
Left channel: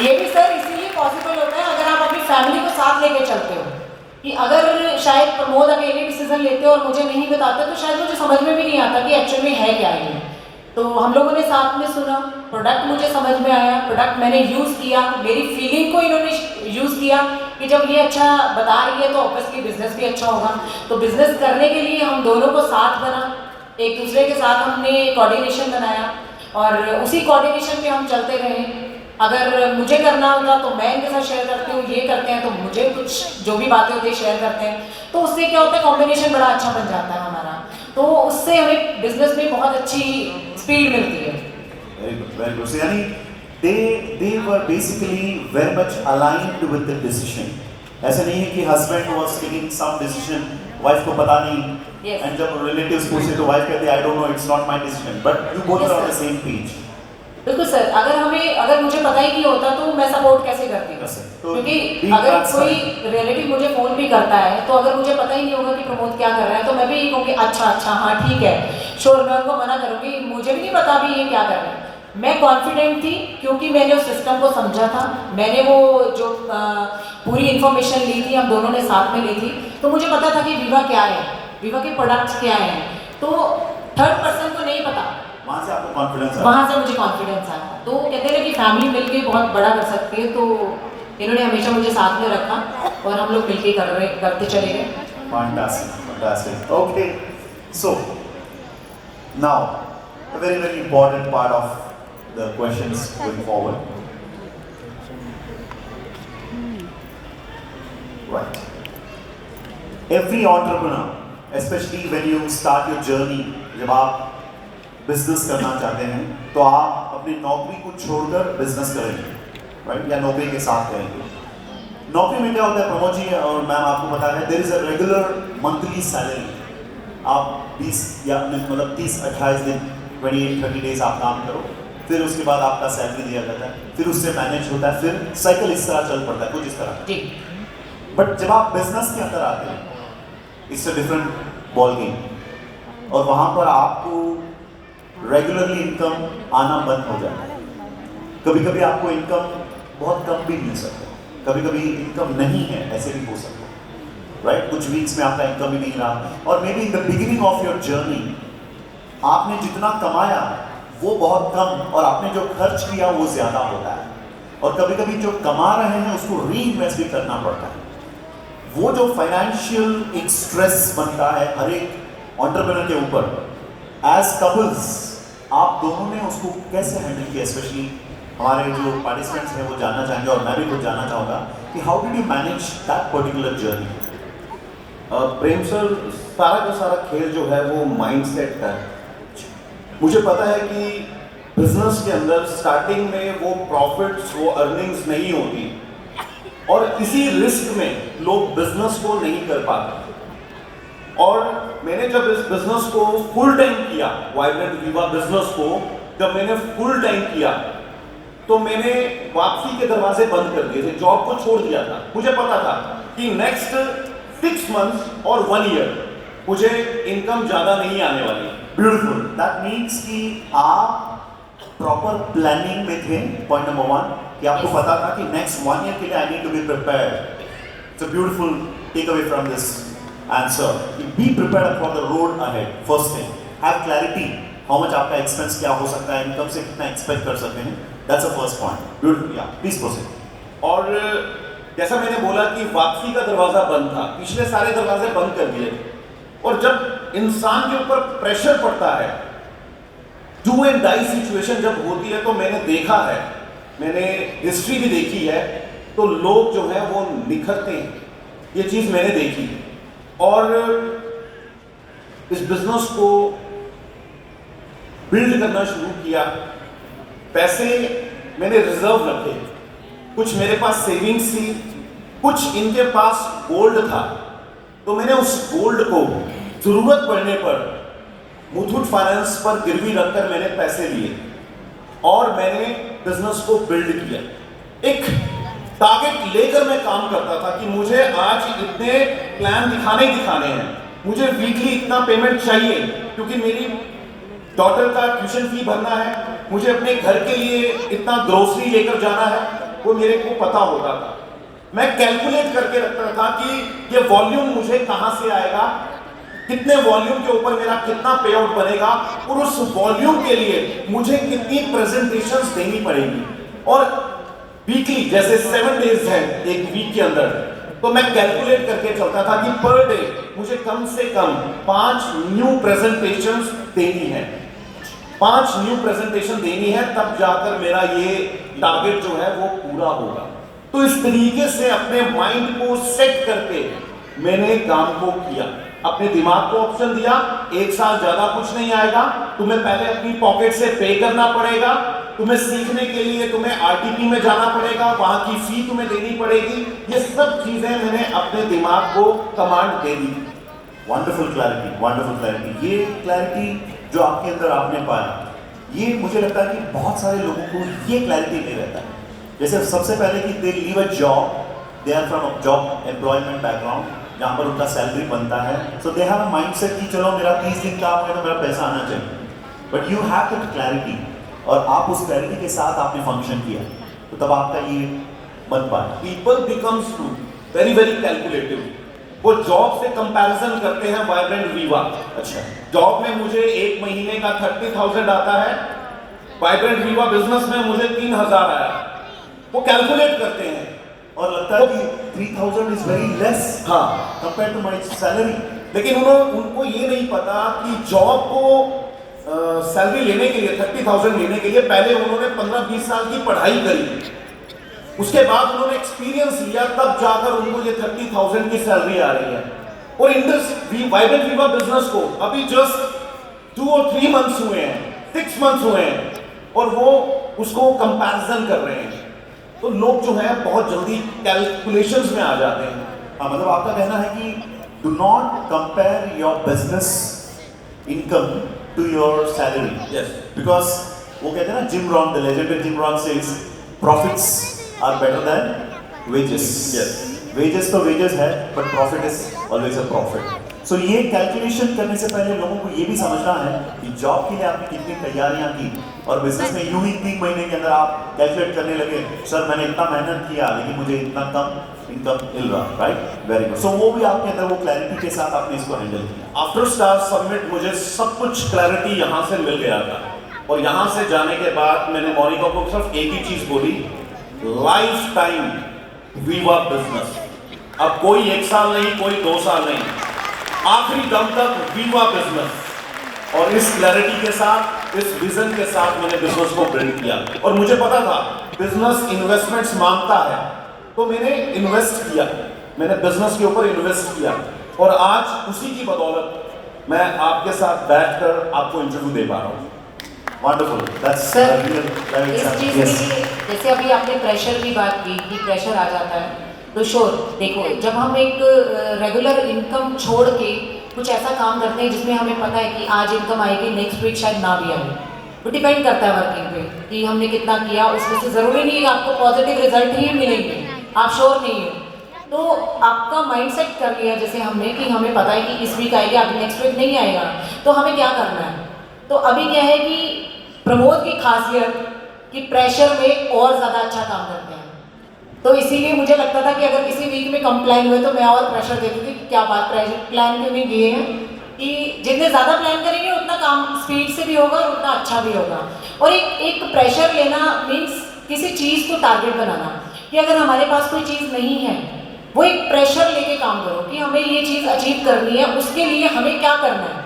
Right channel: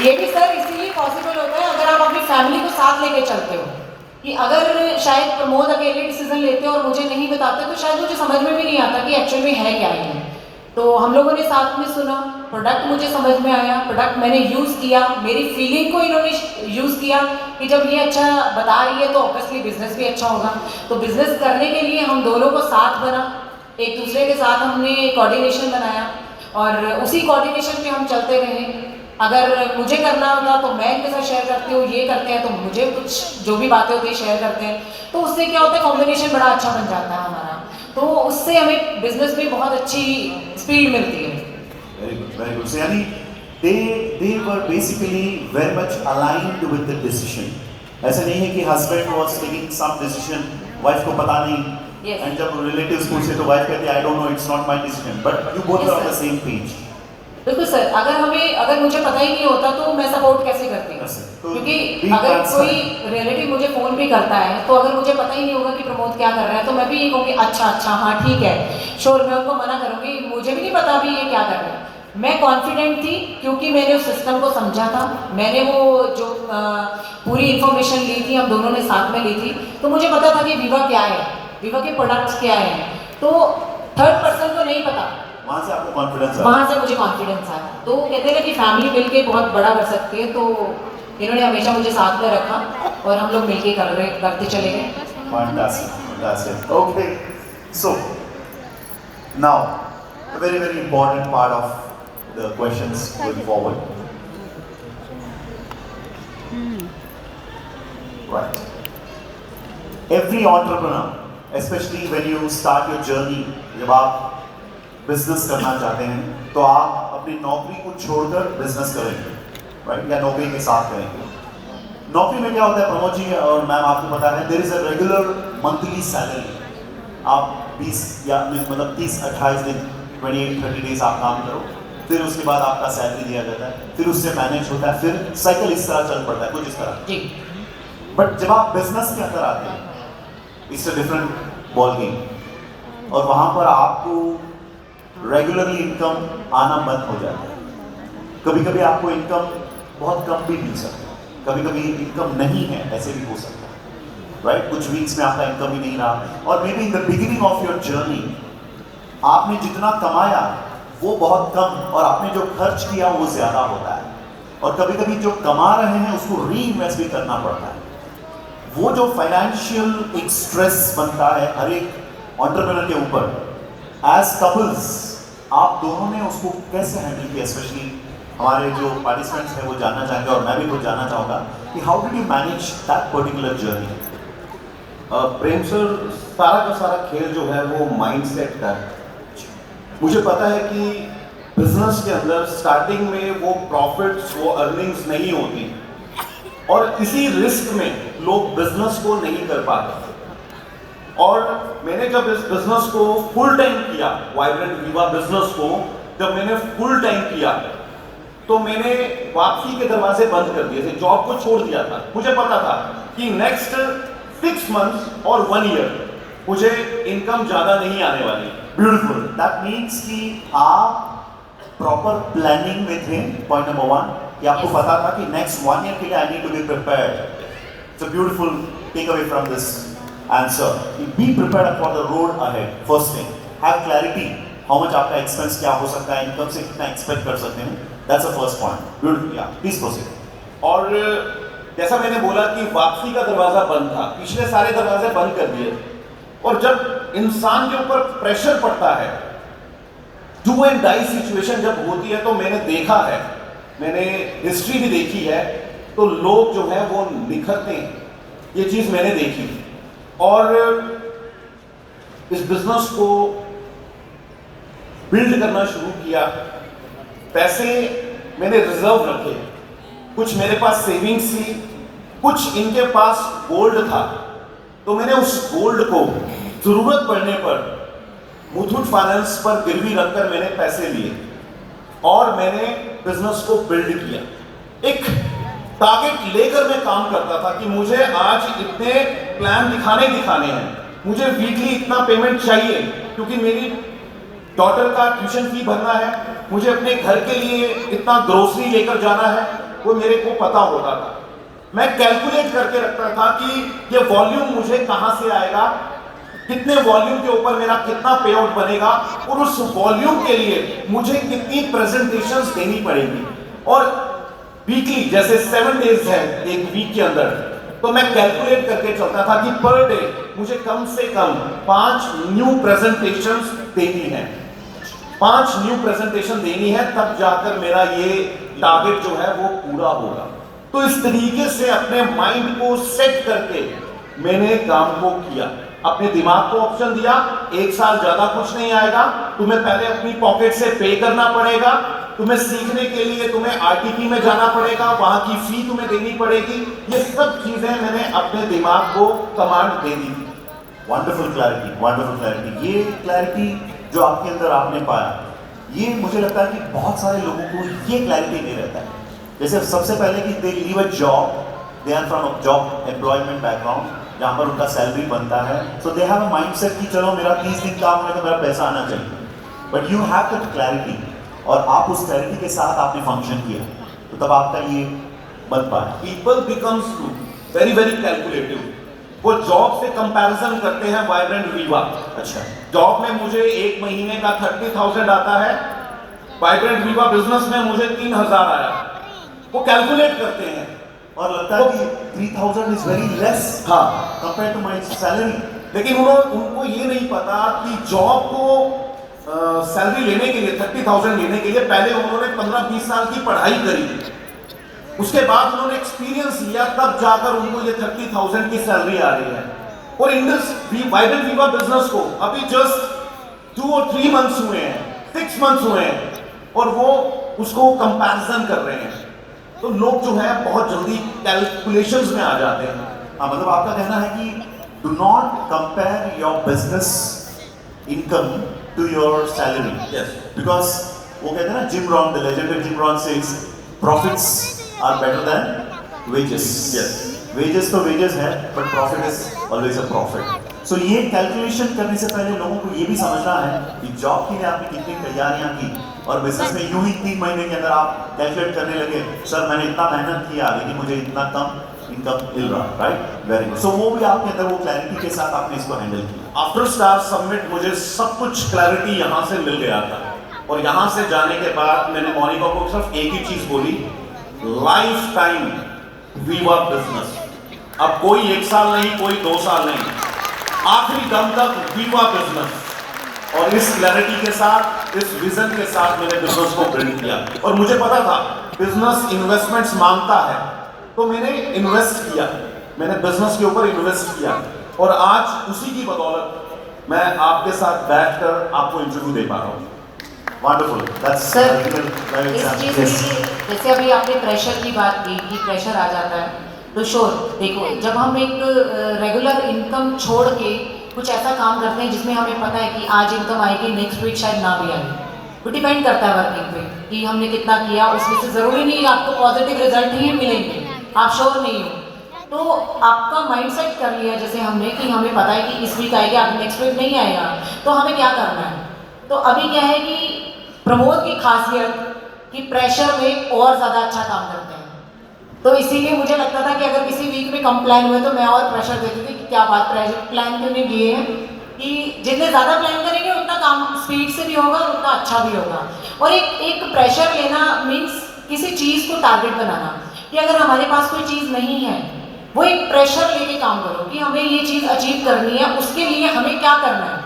ये भी सर इसीलिए पॉसिबल होता है अगर आप अपनी फैमिली को साथ लेके चलते हो, कि अगर शायद प्रमोद अकेले डिसीजन लेते और मुझे नहीं बताते तो शायद मुझे समझ में भी नहीं आता कि एक्चुअल में है क्या ये। तो हम लोगों ने साथ में सुना, प्रोडक्ट मुझे समझ में आया, प्रोडक्ट मैंने यूज़ किया, मेरी फीलिंग को इन्होंने यूज़ किया कि जब ये अच्छा बता रही है तो ऑब्वियसली बिजनेस भी अच्छा होगा। तो बिजनेस करने के लिए हम दोनों को साथ बना, एक दूसरे के साथ हमने कोऑर्डिनेशन बनाया और उसी कोऑर्डिनेशन पे हम चलते रहे। अगर मुझे करना होगा तो मैं इनके साथ शेयर करती हूँ, ये करते हैं तो मुझे कुछ जो भी बातें होती है शेयर करते हैं, तो उससे क्या होता है कॉम्बिनेशन बड़ा अच्छा बन जाता है हमारा, तो उससे हमें बिजनेस में बहुत अच्छी स्पीड मिलती है। very good, very good. So यानी they were basically very much aligned with the decision. ऐसा नहीं है कि husband was taking some decision, wife को पता नहीं, Yes. and जब relatives पूछते तो wife कहती I don't know, it's not my decision, but you both Yes, are on the sir. same page. बिल्कुल सर, अगर मुझे पता ही नहीं होता तो मैं सपोर्ट कैसे करती हूँ? Yes, sir. तो क्योंकि be अगर transparent. कोई रिलेटिव मुझे फोन भी करता है तो अगर मुझे पता ही नहीं होगा कि प्रमोद क्या कर रहा है तो मैं भी ये कहूँगी अच्छा हाँ ठीक है, श्योर, मैं उनको मना करूँगी, मुझे भी नहीं पता अभी ये क्या कर रहा है। मैं कॉन्फिडेंट थी क्योंकि मैंने उस सिस्टम को समझा था, मैंने वो जो पूरी इन्फॉर्मेशन ली थी, हम दोनों ने साथ में ली थी, तो मुझे पता था कि विवा क्या है, विवा के प्रोडक्ट्स क्या हैं। तो थर्ड पर्सन को नहीं पता, वहाँ से आपको कॉन्फिडेंस आया। वहाँ से मुझे कॉन्फिडेंस आया। तो कहते हैं कि फैमिली मिलके बहुत बड़ा कर सकते हैं, तो इन्होंने हमेशा मुझे साथ में रखा और हम लोग मिलके करते चले गए। Fantastic, fantastic. Okay, so now a very very important part of the questions going forward. Right. Every entrepreneur, especially when you start your journey, जब आप बिजनेस करना चाहते हैं तो आप अपनी नौकरी को छोड़कर बिजनेस करेंगे, राइट, या नौकरी के साथ करेंगे। नौकरी में क्या होता है प्रमोद जी और मैम आपको पता है, there is a regular monthly salary. आप 20 या मतलब 30-28 दिन 28-30 डेज आप काम करो, फिर उसके बाद आपका सैलरी दिया जाता है, फिर उससे मैनेज होता है, फिर साइकिल इस तरह चल पड़ता है, कुछ इस तरह। जी। बट जब आप बिजनेस के अंदर आते हैं it's a different ball game, और वहाँ पर आपको रेगुलरली इनकम आना बंद हो जाता है। कभी कभी आपको इनकम बहुत कम भी मिल सकता है, कभी कभी इनकम नहीं है, ऐसे भी हो सकता है, राइट। कुछ वीक्स में आपका इनकम ही नहीं रहा, और may be in the beginning of your journey आपने जितना कमाया वो बहुत कम और आपने जो खर्च किया वो ज़्यादा होता है, और कभी कभी जो कमा रहे हैं उसको री इन्वेस्ट भी करना पड़ता है। वो जो फाइनेंशियल एक स्ट्रेस बनता है हर एक एंटरप्रेन्योर के ऊपर, एज कपल्स आप दोनों ने उसको कैसे हैंडल किया? स्पेशली हमारे जो पार्टिसिपेंट्स हैं वो जानना चाहेंगे और मैं भी वो जानना चाहूँगा कि how did you manage that particular journey? Prem sir, सारा का सारा खेल जो है वो माइंडसेट का है। मुझे पता है कि बिजनेस के अंदर स्टार्टिंग में वो प्रॉफिट्स, वो अर्निंग्स नहीं होती, और इसी रिस्क में लोग बिजनेस को नहीं कर पाते। और मैंने जब इस बिजनेस को फुल टाइम किया, वाइब्रेंट विवा बिजनेस को जब मैंने फुल टाइम किया तो मैंने वापसी के दरवाजे बंद कर दिए थे, जॉब को छोड़ दिया था। मुझे पता था कि नेक्स्ट 6 मंथ्स और 1 ईयर मुझे इनकम ज्यादा नहीं आने वाली। ब्यूटीफुल, दैट मीन्स कि आप प्रॉपर प्लानिंग में थे, पॉइंट नंबर 1, कि आपको पता था कि नेक्स्ट 1 ईयर के लिए I need to be prepared. It's a beautiful takeaway from this answer, be prepared for the road ahead. First thing, have clarity how much आपका एक्सपेंस क्या हो सकता है, इनकम से कितना एक्सपेक्ट कर सकते हैं, that's the first point. Beautiful, या प्लीज प्रोसीड। और जैसा मैंने बोला कि वापसी का दरवाजा बंद था, पिछले सारे दरवाजे बंद कर दिए, और जब इंसान के ऊपर प्रेशर पड़ता है, डू एंड डाई सिचुएशन जब होती है, तो मैंने देखा है, मैंने हिस्ट्री भी देखी है, तो लोग जो है वो निखरते हैं, ये चीज मैंने देखी। और इस बिजनेस को बिल्ड करना शुरू किया, पैसे मैंने रिजर्व रखे, कुछ मेरे पास सेविंग्स थी, कुछ इनके पास गोल्ड था, तो मैंने उस गोल्ड को जरूरत पड़ने पर मुथूट फाइनेंस पर गिरवी रखकर मैंने पैसे लिए। और मैंने बिजनेस को बिल्ड किया। एक टारगेट लेकर मैं काम करता था कि मुझे आज इतने प्लान दिखाने हैं, मुझे वीकली इतना पेमेंट चाहिए क्योंकि मेरी डॉटर का ट्यूशन फी भरना है, मुझे अपने घर के लिए इतना ग्रोसरी लेकर जाना है, वो मेरे को पता होता था। मैं कैलकुलेट करके रखता था कि ये वॉल्यूम मुझे कहां से आएगा, कितने वॉल्यूम के ऊपर मेरा कितना पे आउट बनेगा और उस वॉल्यूम के लिए मुझे कितनी प्रेजेंटेशंस देनी पड़ेगी। और वीकली जैसे 7 डेज है एक वीक के अंदर, तो मैं कैलकुलेट करके चलता था कि पर डे मुझे कम से कम 5 न्यू प्रेजेंटेशंस देनी है, 5 न्यू प्रेजेंटेशन देनी है, तब जाकर मेरा ये टारगेट जो है वो पूरा होगा। तो इस तरीके से अपने माइंड को सेट करके मैंने काम को किया, अपने दिमाग को ऑप्शन दिया, 1 साल ज्यादा कुछ नहीं आएगा, तुम्हें पहले अपनी पॉकेट से पे करना पड़ेगा, तुम्हें सीखने के लिए तुम्हें आरटीपी में जाना पड़ेगा, वहां की फी तुम्हें देनी पड़ेगी। ये सब चीजें मैंने अपने दिमाग को कमांड दे दी। Wonderful clarity, wonderful clarity. ये क्लैरिटी जो आपके अंदर आपने पाया, ये मुझे लगता है कि बहुत सारे लोगों को ये क्लैरिटी नहीं रहता है। जैसे सबसे पहले कि they leave a job, they are from a job employment background जहाँ पर उनका सैलरी बनता है, सो दे हैव अ माइंडसेट कि चलो मेरा 30 दिन काम है तो मेरा पैसा आना चाहिए। But you have that clarity और आप उस क्लैरिटी के साथ आपने फंक्शन किया, तो तब आपका ये बन पाया। People becomes to very very calculative. वो जॉब से कंपैरिजन करते हैं वाइब्रेंट वीवा। अच्छा, जॉब में मुझे 1 महीने का 30,000 आता है, वाइब्रेंट वीवा बिजनेस में मुझे 3,000 आया। वो कैलकुलेट करते हैं और लगता है कि 3,000 इज वेरी लेस हाँ कंपेयर टू माय सैलरी। लेकिन उनको ये नहीं पता कि जॉब को सैलरी लेने के लिए 30,000 लेने के लिए पहले उन्होंने 15-20 साल की पढ़ाई करी, उसके बाद उन्होंने एक्सपीरियंस लिया, तब जाकर उनको ये 30,000 की सैलरी आ रही है। और वाइब्रेंट वीवा बिजनेस को अभी जस्ट 2 और 3 मंथ्स हुए हैं, 6 मंथ्स हुए हैं, और वो उसको कंपैरिजन कर रहे हैं। तो लोग जो है बहुत जल्दी कैलकुलेशंस में आ जाते हैं। हाँ, मतलब आपका कहना है कि do not compare your business income to your salary. Yes. Because वो कहते हैं ना, Jim Rohn, the legendary Jim Rohn says profits are better than wages. Yes. Wages तो वेजेस है, but profit is always a profit. So ये calculation करने से पहले लोगों को ये भी समझना है कि जॉब के लिए आपने कितनी तैयारियां की, और बिजनेस में यूं ही 3 महीने के अंदर आप कैलकुलेट करने लगे, सर मैंने इतना मेहनत किया लेकिन मुझे इतना कम इनकम मिल रहा, राइट? Very good. सो वो भी आपके अंदर वो क्लैरिटी के साथ आपने इसको हैंडल किया। आफ्टर स्टार समिट मुझे सब कुछ क्लैरिटी यहाँ से मिल गया था, और यहाँ से जाने के बाद मैंने मोनिका को सिर्फ एक ही चीज बोली, लाइफ टाइम वीवा बिजनेस। अब कोई 1 साल नहीं, कोई 2 साल नहीं, आखिरी दम तक वीवा बिजनेस। और इस क्लैरिटी के साथ, इस विजन के साथ मैंने बिजनेस को बिल्ड किया। और मुझे पता था बिजनेस इन्वेस्टमेंट्स मांगता है, तो मैंने इन्वेस्ट किया, मैंने बिजनेस के ऊपर इन्वेस्ट किया, और आज उसी की बदौलत मैं आपके साथ बैठकर आपको इंटरव्यू दे पा रहा हूँ। वंडरफुल, दैट्स सर, इस चीज़ यस। के लिए जैसे अभी आपने प्रेशर की बात की कि प्रेशर आ जाता है, तो श्योर देखो, जब हम एक रेगुलर इनकम छोड़ के कुछ ऐसा काम करते हैं जिसमें हमें पता है कि आज इनकम आएगी, नेक्स्ट वीक शायद ना भी आए, वो डिपेंड करता है वर्किंग पे कि हमने कितना किया, उसमें से ज़रूरी नहीं आपको पॉजिटिव रिजल्ट ही मिलेंगे, आप श्योर नहीं हो। तो आपका माइंडसेट कर लिया जैसे हमने कि हमें पता है कि इस वीक आएगा, अब नेक्स्ट वीक नहीं आएगा, तो हमें क्या करना है। तो अभी क्या है कि प्रमोद की खासियत कि प्रेशर में और ज़्यादा अच्छा काम करते हैं, तो इसीलिए मुझे लगता था कि अगर किसी वीक में कम प्लान हुए तो मैं और प्रेशर देती थी कि क्या बात, प्रेशर प्लान क्यों नहीं दिए हैं, कि जितने ज़्यादा प्लान करेंगे उतना काम स्पीड से भी होगा और उतना अच्छा भी होगा। और एक प्रेशर लेना मीन्स किसी चीज़ को टारगेट बनाना, कि अगर हमारे पास कोई चीज़ नहीं है, वो एक प्रेशर लेके काम करो कि हमें ये चीज़ अचीव करनी है, उसके लिए हमें क्या करना है,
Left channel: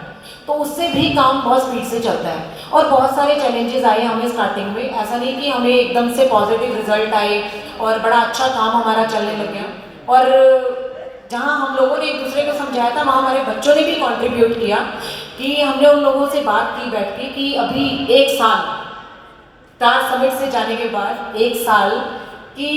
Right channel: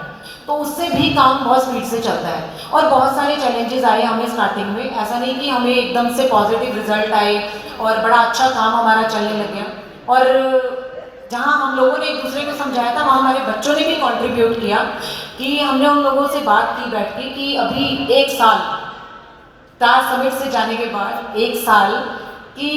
तो उससे भी काम बहुत स्पीड से चलता है। और बहुत सारे चैलेंजेस आए हमें स्टार्टिंग में, ऐसा नहीं कि हमें एकदम से पॉजिटिव रिजल्ट आए और बड़ा अच्छा काम हमारा चलने लग गया। और जहाँ हम लोगों ने एक दूसरे को समझाया था, वहाँ हमारे बच्चों ने भी कंट्रीब्यूट किया कि हमने उन लोगों से बात की बैठ के कि अभी 1 साल स्टार समिट से जाने के बाद 1 साल कि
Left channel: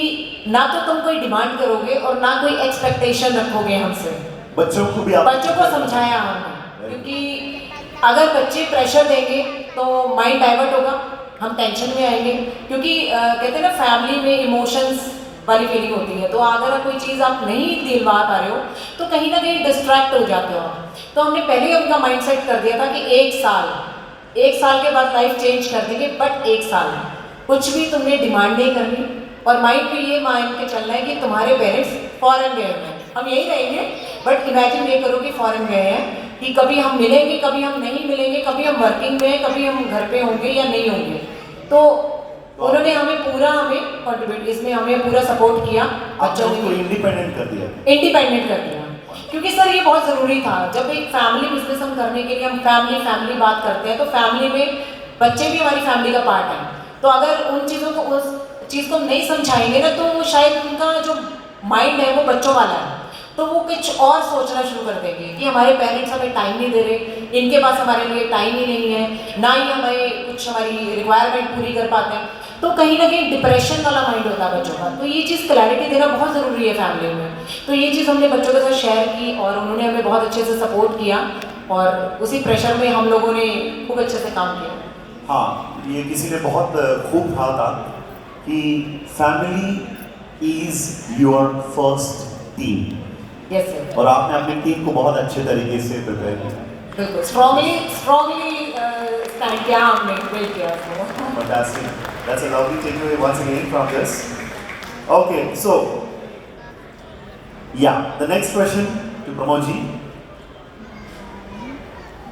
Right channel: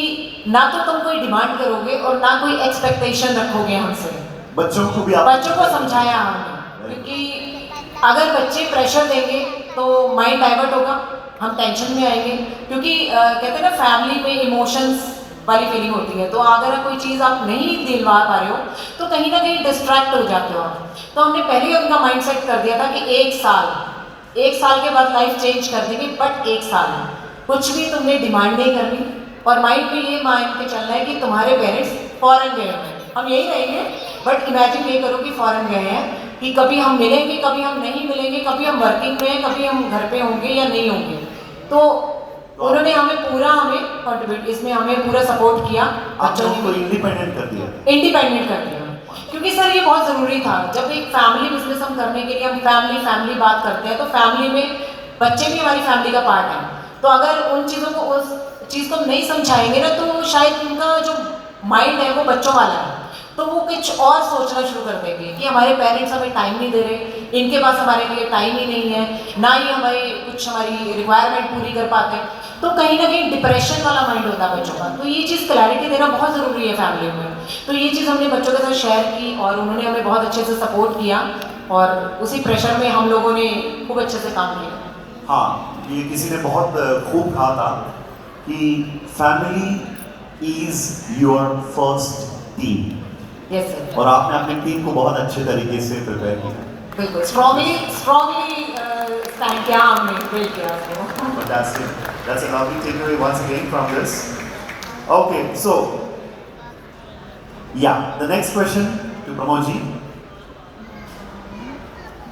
ना तो तुम कोई डिमांड करोगे और ना कोई एक्सपेक्टेशन रखोगे हमसे। बच्चों को भी बच्चों को समझाया हमने, क्योंकि अगर बच्चे प्रेशर देंगे तो माइंड डाइवर्ट होगा हम टेंशन में आएंगे, क्योंकि कहते हैं ना फैमिली में इमोशंस वाली फीलिंग होती है, तो अगर कोई चीज़ आप नहीं दिलवा पा रहे हो तो कहीं ना कहीं डिस्ट्रैक्ट हो जाते हो आप। तो हमने पहले ही उनका माइंड सेट कर दिया था कि एक साल के बाद लाइफ चेंज कर देंगे, बट एक साल कुछ भी तुमने डिमांड नहीं करनी, और माइंड में ये मान के चलना है कि तुम्हारे पेरेंट्स फॉरेन गए हैं, हम यही रहेंगे, बट इमेजिन ये करो कि फॉरेन गए हैं, कि कभी हम मिलेंगे, कभी हम नहीं मिलेंगे, कभी हम वर्किंग में हैं, कभी हम घर पे होंगे या नहीं होंगे। तो उन्होंने हमें कंट्रीब्यूट, इसमें हमें पूरा सपोर्ट किया, अच्छा उनको इंडिपेंडेंट कर दिया। इंडिपेंडेंट कर दिया, क्योंकि सर ये बहुत ज़रूरी था। जब एक फैमिली बिजनेस हम करने के लिए हम फैमिली बात करते हैं, तो फैमिली में बच्चे भी हमारी फैमिली का पार्ट है, तो अगर उन चीज़ों को, उस चीज़ को नहीं समझाएंगे ना, तो शायद उनका जो माइंड है वो बच्चों वाला है, तो वो कुछ और सोचना शुरू कर देंगे कि हमारे पेरेंट्स हमें टाइम नहीं दे रहे, इनके पास हमारे लिए टाइम ही नहीं है, ना ही हमें कुछ हमारी रिक्वायरमेंट पूरी कर पाते हैं, तो कहीं ना कहीं डिप्रेशन वाला माइंड होता है बच्चों का। तो ये चीज़ क्लैरिटी देना बहुत ज़रूरी है फैमिली में। तो ये चीज़ हमने बच्चों के साथ शेयर की और उन्होंने हमें बहुत अच्छे से सपोर्ट किया, और उसी प्रेशर में हम लोगों ने खूब अच्छे से काम किया। हाँ, ये किसी ने बहुत खूब कहा था कि family is your first team, yes sir, और आपने अपनी टीम को बहुत अच्छे तरीके से प्रिपेयर किया। बिल्कुल स्ट्रांगली स्टैंड किया हमने, बिल्ड किया उसको। Fantastic. That's a lovely takeaway once again from this. Okay, so yeah, the next question to Pramod ji.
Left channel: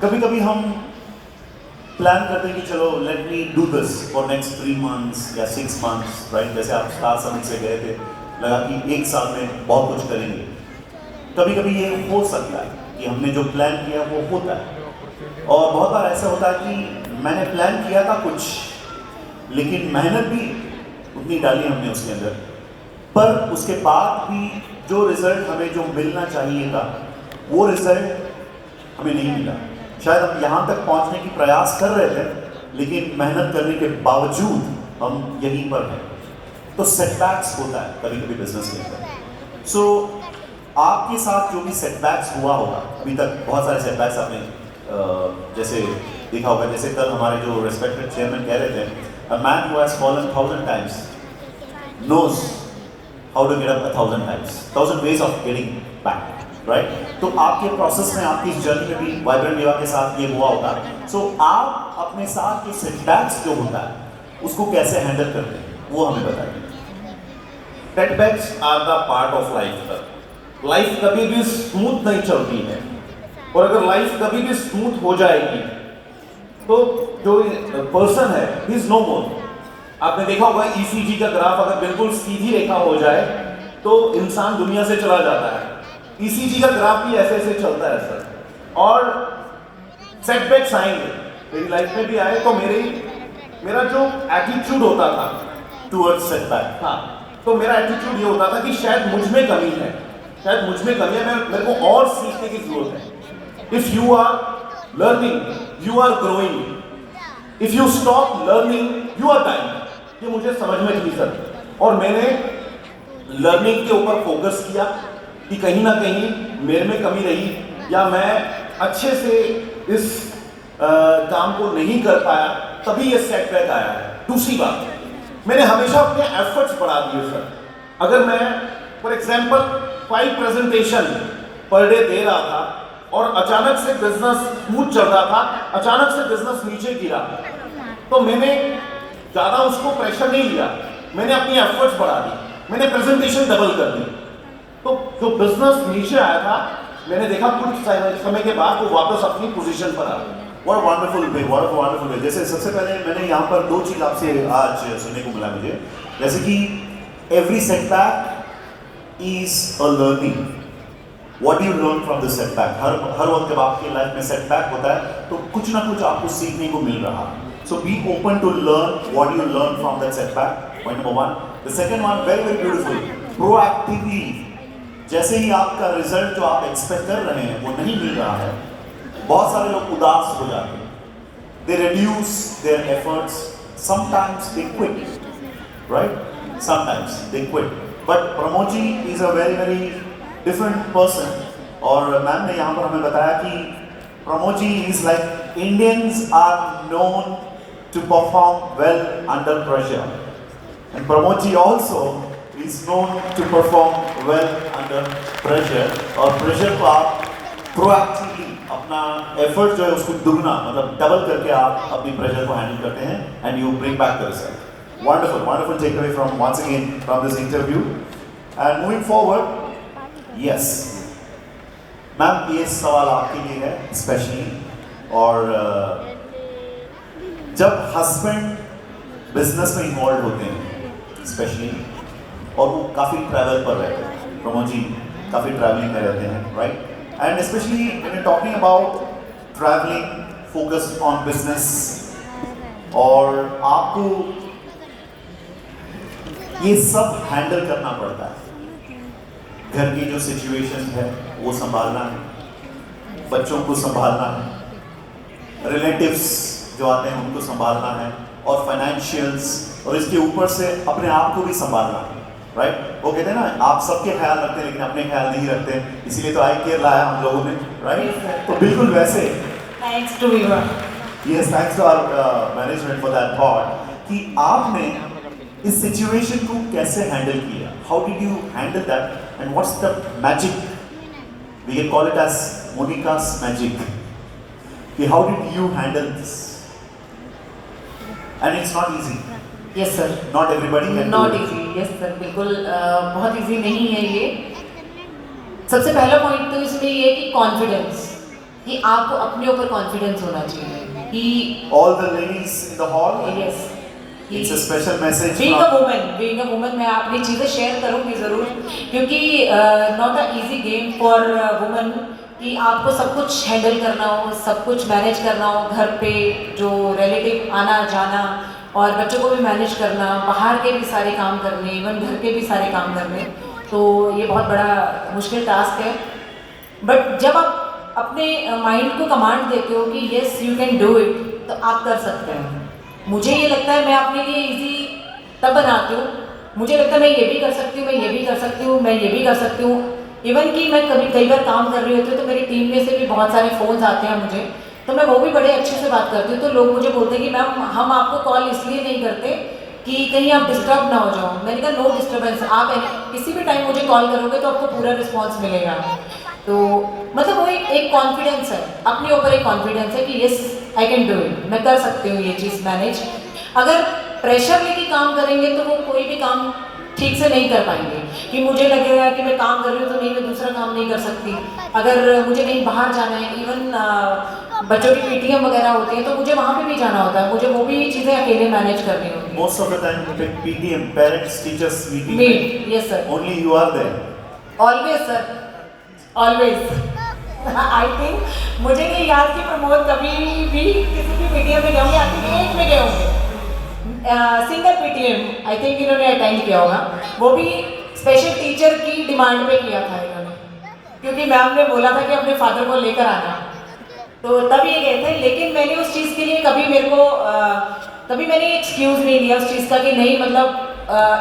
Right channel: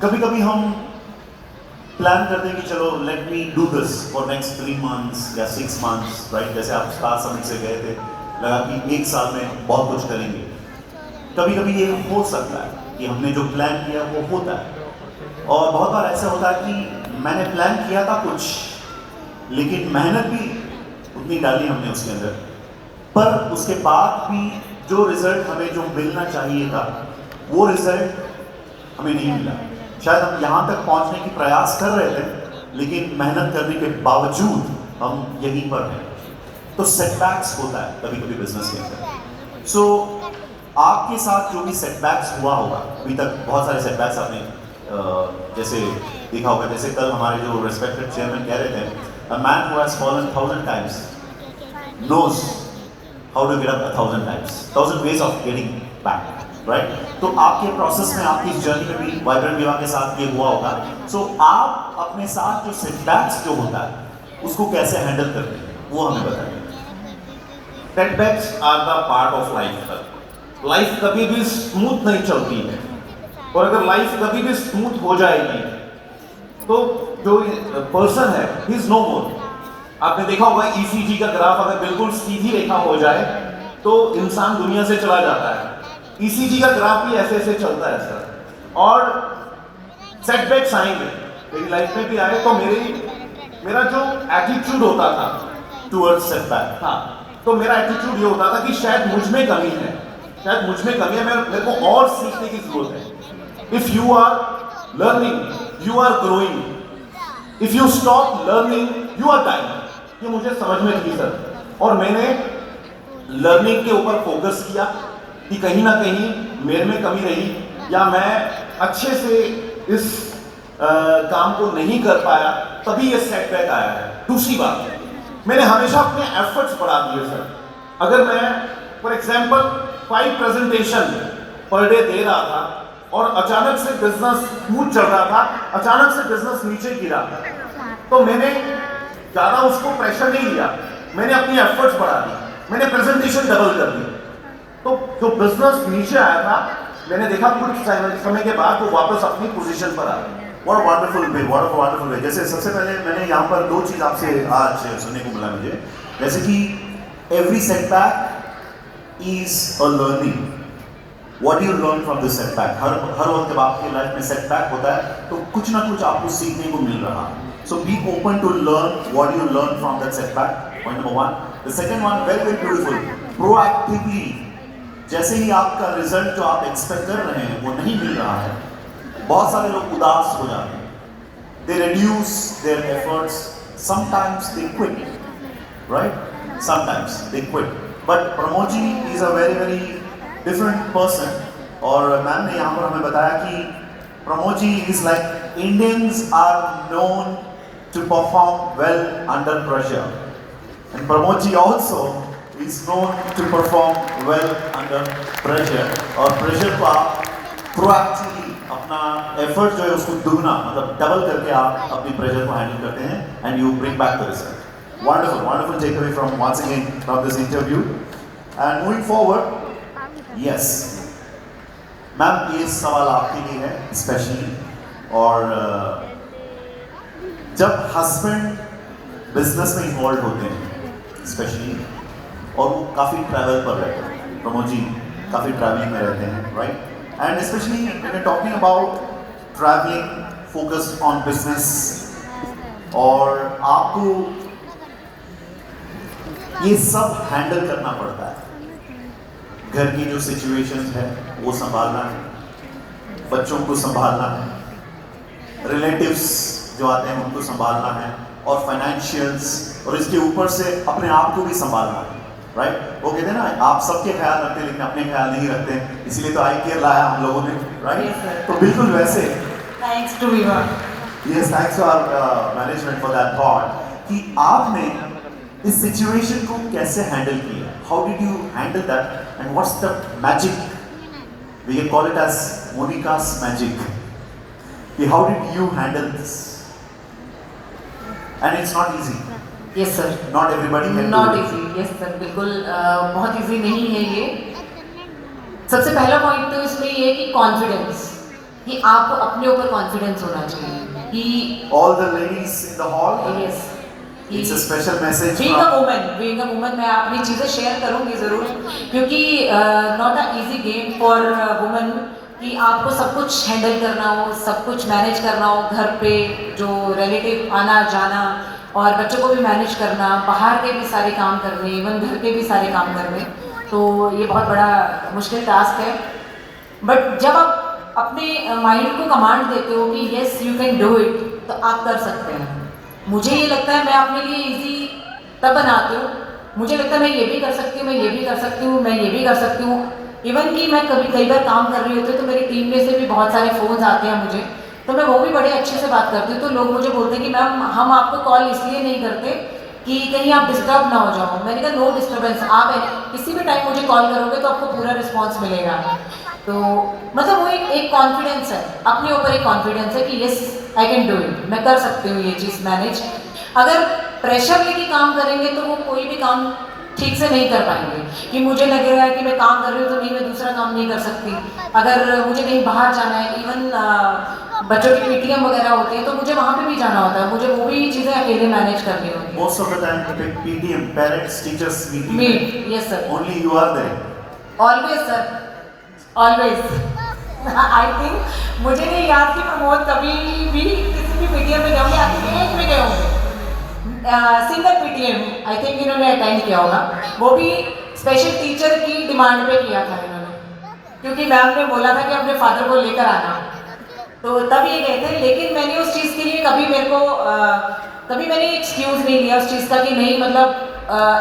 कभी-कभी हम प्लान करते हैं कि चलो let me do this for next 3 months या 6 months, राइट? जैसे आप स्टार समिट से गए थे, लगा कि 1 साल में बहुत कुछ करेंगे। कभी-कभी ये हो सकता है कि हमने जो प्लान किया वो होता है, और बहुत बार ऐसा होता है कि मैंने प्लान किया था कुछ, लेकिन मेहनत भी उतनी डाली हमने उसके अंदर, पर उसके बाद भी जो रिजल्ट हमें जो मिलना चाहिए था वो रिजल्ट हमें नहीं मिला। शायद हम यहाँ तक पहुँचने की प्रयास कर रहे थे, लेकिन मेहनत करने के बावजूद हम यहीं पर हैं। तो सेटबैक्स होता है कभी कभी बिजनेस के अंदर। सो आपके साथ जो भी सेटबैक्स हुआ होगा अभी तक, बहुत सारे सेटबैक्स आपने जैसे देखा होगा, जैसे कल हमारे जो रेस्पेक्टेड चेयरमैन कह रहे थे, a man who has fallen 1000 times knows how to get up 1000 times, 1000 ways of getting back, right? तो आपके प्रोसेस में, आपकी जर्नी में भी वाइब्रेंट विवाह के साथ ये हुआ होगा। सो आप अपने साथ जो सेटबैक्स जो होता है उसको कैसे हैंडल करते हैं, वो हमें बताइए। Setbacks are the part of life. Life कभी भी स्मूथ नहीं चलती है, और अगर लाइफ कभी भी स्मूथ हो जाएगी तो जो पर्सन है ही इज नो मोर। आपने देखा होगा ईसीजी का ग्राफ अगर बिल्कुल सीधी रेखा हो जाए तो इंसान दुनिया से चला जाता है। ईसीजी का ग्राफ भी ऐसे ऐसे चलता है सर, और सेटबैक्स आएंगे, मेरी लाइफ में भी आए, तो मेरा जो एटीट्यूड होता था टुवर्ड्स सेटबैक, हाँ, तो मेरा एटीट्यूड ये होता था कि शायद मुझ में कमी है, मेरे को और सीखने की जरूरत है। If you are learning you are growing, if you stop learning you are dying. ये मुझे समझ में थी सर, और मैंने लर्निंग के ऊपर फोकस किया कि कहीं ना कहीं मेरे में कमी रही, या मैं अच्छे से इस काम को नहीं कर पाया, तभी ये सेटबैक आया है। दूसरी बात, मैंने हमेशा अपने एफर्ट्स बढ़ा दिए सर। अगर मैं for example 5 presentation per day they रहा था और अचानक से बिजनेस स्मूथ चल रहा था, अचानक से बिजनेस नीचे गिरा, तो मैंने ज़्यादा उसको प्रेशर नहीं लिया, मैंने अपनी एफर्ट्स बढ़ा दी, मैंने प्रेजेंटेशन डबल कर दी। तो जो बिजनेस नीचे आया था, मैंने देखा कुछ समय के बाद वो वापस अपनी पोजीशन पर आ गया। What a wonderful way, what a wonderful way। जैसे सबसे पहले मैंने यहाँ पर 2 चीज़ आपसे आज सुनने को मिला मुझे, जैसे कि every setback is a learning। What do you learn from this setback? हर वक्त जब आपकी लाइफ में setback होता है तो कुछ ना कुछ आपको सीखने को मिल रहा है। So be open to learn what you learn from that setback, point number 1। The second one, very very beautiful, proactively। जैसे ही आपका रिजल्ट जो आप एक्सपेक्ट कर रहे हैं वो नहीं मिल रहा है, बहुत सारे लोग उदास हो जाते हैं, they reduce their efforts, sometimes they quit, right? Sometimes they quit, but Pramod ji is a very very different person। और मैम ने यहाँ पर हमें बताया कि Pramod ji is like Indians are known to perform well under pressure. And Pramod ji also is known to perform well under pressure. और pressure को आप proactively अपना effort जो है उसको दुगना मतलब double करके आप अपनी pressure को handle करते हैं and you bring back the result. Wonderful, wonderful takeaway from once again from this interview. And moving forward, yes, ma'am ये सवाल आपके लिए है स्पेशली और जब हस्बैंड बिजनेस में इन्वॉल्व होते हैं स्पेशली और वो काफ़ी ट्रैवल पर रहते हैं, प्रमोद जी काफ़ी ट्रैवलिंग में रहते हैं, right? And specially when you talking about travelling focused on business और आपको ये सब हैंडल करना पड़ता है, घर की जो सिचुएशन है वो संभालना है, बच्चों को संभालना है, रिलेटिव्स जो आते हैं उनको संभालना है और फाइनेंशियल्स और इसके ऊपर से अपने आप को भी संभालना है, राइट? वो कहते हैं ना आप सबके ख्याल रखते हैं लेकिन अपने ख्याल नहीं रखते, इसीलिए तो आई केयर लाया हम लोगों ने, राइट? तो बिल्कुल वैसे thanks to you. Yes, thanks to our management for that thought कि आपने इस सिचुएशन को कैसे हैंडल किया, how did you handle that and what's the magic, we can call it as Monica's magic, कि how did you handle this and it's not easy. Yes sir, not everybody can not easy. Yes sir, बिल्कुल बहुत easy नहीं है ये। सबसे पहला point तो इसमें ये है कि कॉन्फिडेंस, कि आपको अपने ऊपर कॉन्फिडेंस होना चाहिए कि all the ladies in the hall, yes, it's a special message being a woman मैं अपनी चीज़ें शेयर करूंगी ज़रूर, क्योंकि not a easy game for woman कि आपको सब कुछ हैंडल करना हो, सब कुछ मैनेज करना हो, घर पे जो रिलेटिव आना जाना और बच्चों को भी मैनेज करना, बाहर के भी सारे काम करने, इवन घर के भी सारे काम करने, तो ये बहुत बड़ा मुश्किल टास्क है। बट जब आप अपने माइंड को कमांड देते हो कि yes you can do it, तो आप कर सकते हैं। मुझे ये लगता है मैं अपने लिए इजी तब बनाती हूँ, मुझे लगता है मैं ये भी कर सकती हूँ, मैं ये भी कर सकती हूँ, मैं ये भी कर सकती हूँ। इवन कि मैं कई बार काम कर रही होती हूँ तो मेरी टीम में से भी बहुत सारे फ़ोन्स आते हैं मुझे, तो मैं वो भी बड़े अच्छे से बात करती हूँ। तो लोग मुझे बोलते हैं कि मैम हम आपको कॉल इसलिए नहीं करते कि कहीं आप डिस्टर्ब ना हो जाओ। मैंने कहा नो डिस्टर्बेंस, आप किसी भी टाइम मुझे कॉल करोगे तो आपको पूरा रिस्पॉन्स मिलेगा। तो मतलब वो एक कॉन्फिडेंस है, अपने ऊपर एक कॉन्फिडेंस है कि yes I can do it, मैं कर सकती हूँ ये चीज़ मैनेज। अगर प्रेशर लेके काम करेंगे तो वो कोई भी काम ठीक से नहीं कर पाएंगे, कि मुझे लगेगा कि मैं काम कर रही हूँ तो नहीं मैं दूसरा काम नहीं कर सकती। अगर मुझे कहीं बाहर जाना है, इवन बच्चों की पीटीएम वगैरह होती है तो मुझे वहाँ पे भी जाना होता है, मुझे वो भी चीज़ें अकेले मैनेज करनी होती है। Most of the time PTM parents teachers meet, yes sir, only you are there, always sir, always. I think मुझे नहीं याद कि प्रमोद कभी भी किसी भी पीटीएम में गए होंगे, आपके एक में गए होंगे, सिंगल पीटीएम आई थिंक इन्होंने अटेंड किया होगा, वो भी स्पेशल टीचर की डिमांड पे किया था इन्होंने, क्योंकि मैम ने बोला था कि अपने फादर को लेकर आना, तो तब ये गए थे। लेकिन मैंने उस चीज़ के लिए कभी कभी मैंने एक्सक्यूज़ नहीं लिया उस चीज़ का कि नहीं, मतलब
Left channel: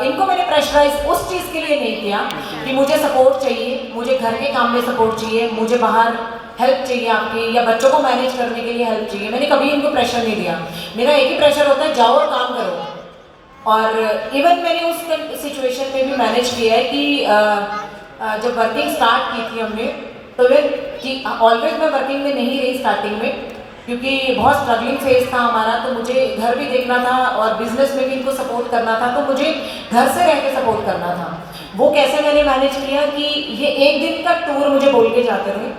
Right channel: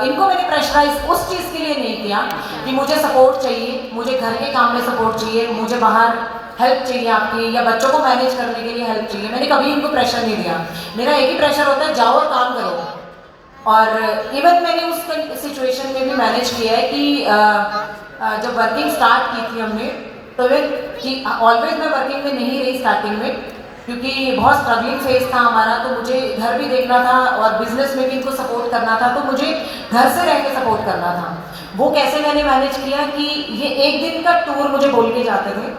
इनको मैंने प्रेशराइज उस चीज़ के लिए नहीं किया कि मुझे सपोर्ट चाहिए, मुझे घर के काम में सपोर्ट चाहिए, मुझे बाहर हेल्प चाहिए आपकी, या बच्चों को मैनेज करने के लिए हेल्प चाहिए। मैंने कभी इनको प्रेशर नहीं दिया, मेरा एक ही प्रेशर होता है जाओ और काम करो। और इवन मैंने उस सिचुएशन में भी मैनेज किया है कि जब वर्किंग स्टार्ट की थी हमने, तो वे कि ऑलवेज मैं वर्किंग में नहीं रही स्टार्टिंग में, क्योंकि बहुत स्ट्रगलिंग फेज था हमारा, तो मुझे घर भी देखना था और बिजनेस में भी इनको सपोर्ट करना था, तो मुझे घर से रह के सपोर्ट करना था। वो कैसे मैंने मैनेज किया कि ये एक दिन का टूर मुझे बोल के जाते थे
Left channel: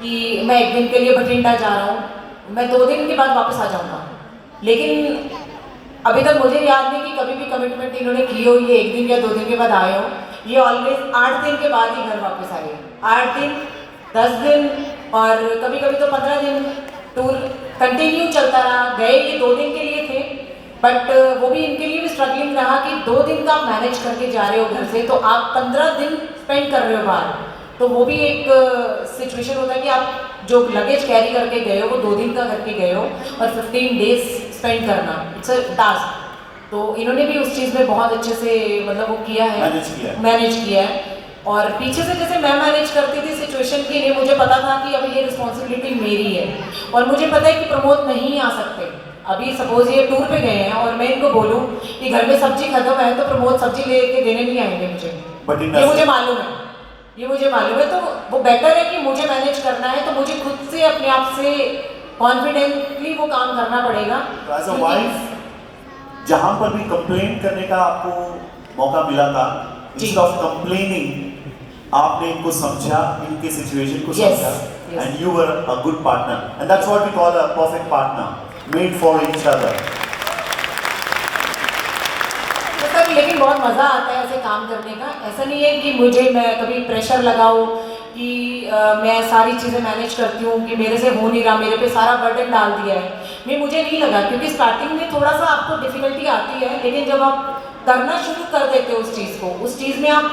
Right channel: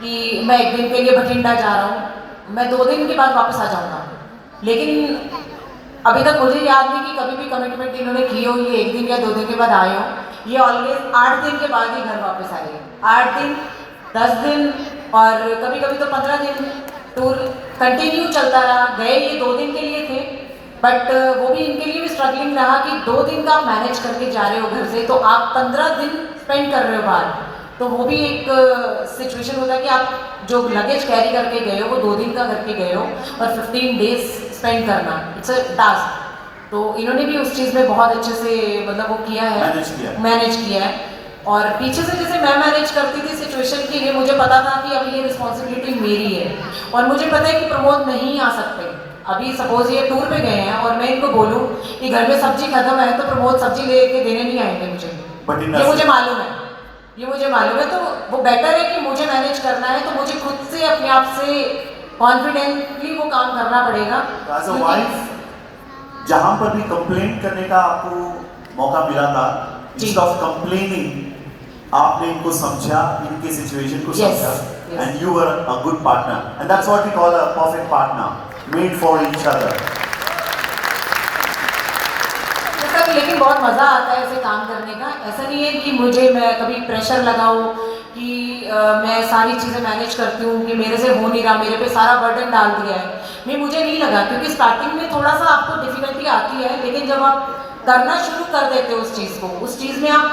कि मैं एक दिन के लिए बठिंडा जा रहा हूँ, मैं 2 दिन के बाद वापस आ जाऊँगा। लेकिन अभी तक मुझे याद नहीं कि कभी भी कमिटमेंट इन्होंने की हो ये 1 दिन या 2 दिन के बाद आए हो, ये ऑलवेज 8 दिन के बाद ही घर वापस आए, 8 दिन 10 दिन और कभी कभी तो 15 दिन टूर कंटिन्यू चलता रहा। गए ये 2 दिन के लिए थे, बट वो भी इनके लिए भी स्ट्रगलिंग रहा कि 2 दिन का आप मैनेज करके जा रहे हो घर से, तो आप 15 दिन स्पेंड कर रहे हो बाहर, तो वो भी एक सिचुएशन होता है कि आप जो लगेज कैरी करके गए हो वो 2 दिन का करके गए हो और 15 डेज स्पेंड करना, इट्स अ टास्क। तो इन्होंने भी उस चीज़ में बहुत अच्छे से मतलब वो किया है, मैनेज किया है। और पीछे से जैसे मैं मैनेज करती थी सिचुएशन के लिए, मुझे पता था कि अब ये रिस्पॉन्सिबिलिटी मेरी है और मुझे पता है कि प्रमोद नहीं आ सकते, अभी सपोज ये टूर पे गए हैं और मैं इनको बोलूँ कि घर में सब्जी खत्म है तो प्रमोद सब्जी लेके देने नहीं आएंगे मुझे, But in ये मुझे मालूम है, ये मुझे मालूम है। तो वो बेटर है कि मुझे मैनेज करना है तो मुझे खुद से अपने आप से कॉन्फिडेंटली वो काम करना पड़ेगा। एज अ वाइफ जहां पर भी कंप्लेंट करने का आपको मौका मिला था, इंस्टेड ऑफ कंप्लेनिंग आपने इनको समझा, इनके सिचुएशन को Yes, समझा, yes. And you were a good partner, and that's what we call a perfect partner, made for each other. मतलब लेकिन बहुत मज़ा आता है ऐसे काम करने का। ऐसा नहीं है कि मुझे मैं कभी प्रेशर लगाऊं कि मैं सारी चीज़ें मैनेज करती हूँ कि मेरे से हो नहीं रहा, मेरे पे सारा बर्डन डाल दिया है। मुझे नहीं लगा, क्योंकि स्टार्टिंग में थोड़ा सा आपको डिफिकल्टी आती है, लेकिन जब आप करना शुरू कर देते हो उस चीज़ को, उस चीज़ में आप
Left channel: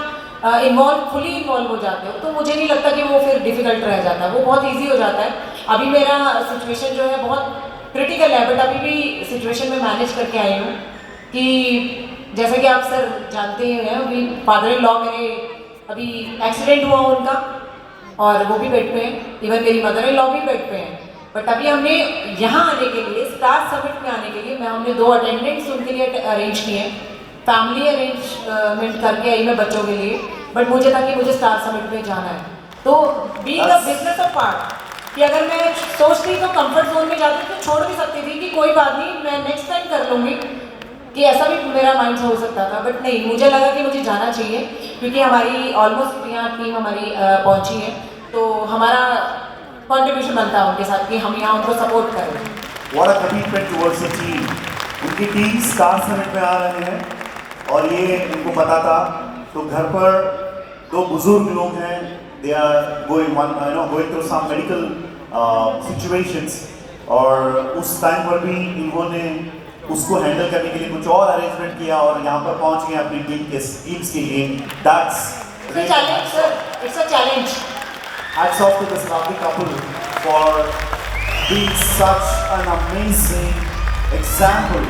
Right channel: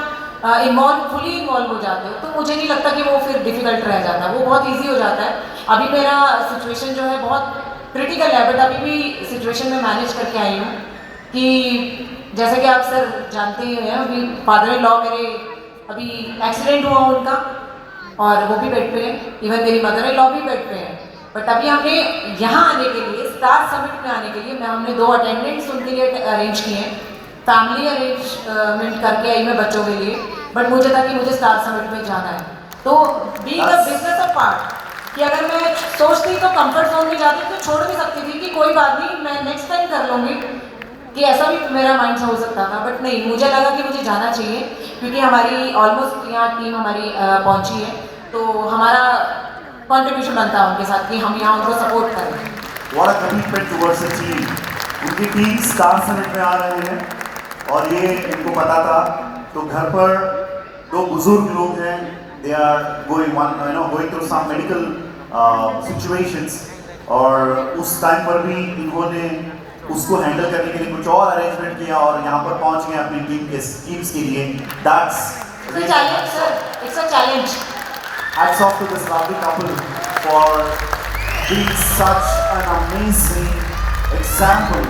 फुली इन्वॉल्व हो जाते हो, तो मुझे नहीं लगता कि वो फिर डिफिकल्ट रह जाता है, वो बहुत ईजी हो जाता है। अभी मेरा सिचुएशन जो है बहुत क्रिटिकल है, बट अभी भी सिचुएशन में मैनेज करके आई हूँ कि जैसे कि आप सर जानते ही हैं, अभी फादर इन लॉ मेरे अभी एक्सीडेंट हुआ उनका और वो भी बेड पे हैं, इवन मेरी मदर इन लॉ भी बेड पे हैं। बट अभी हमने यहाँ आने के लिए, स्टार समिट में आने के लिए हमने 2 अटेंडेंट्स उनके लिए अरेंज किए हैं, फैमिली अरेंजमेंट करके आई मैं बच्चों के लिए, बट मुझे था कि मुझे स्टार समिट में जाना है। तो being a business of part, कि अगर मैं सोचती तो कंफर्ट जोन में जाती तो छोड़ भी सकती थी कि कोई बात नहीं, मैं नेक्स्ट टाइम कर लूँगी, कि ऐसा भी मेरा माइंड हो सकता था। बट नहीं, मुझे लगा कि मुझे जाना चाहिए, क्योंकि हमारी ऑलमोस्ट यहाँ टीम हमारी पहुँची है, तो हमारा कंट्रीब्यूशन बनता है उनके साथ कि हम यहाँ उनको सपोर्ट करें। What a commitment towards the team. उनकी टीम स्टार समिट में आ रहे हैं और ये इनको पता था, तो घर पर 2 बुजुर्ग लोग हैं, they are going through some medical situations, और उस टाइम पर भी इन्होंने उसको हैंडल करने के लिए कुछ और अरेंजमेंट किया और यहाँ पर पहुँच गए अपनी टीम्स के लिए। That's It's a challenge, sir. It's a challenge. hats off to this lovely couple for being such an amazing example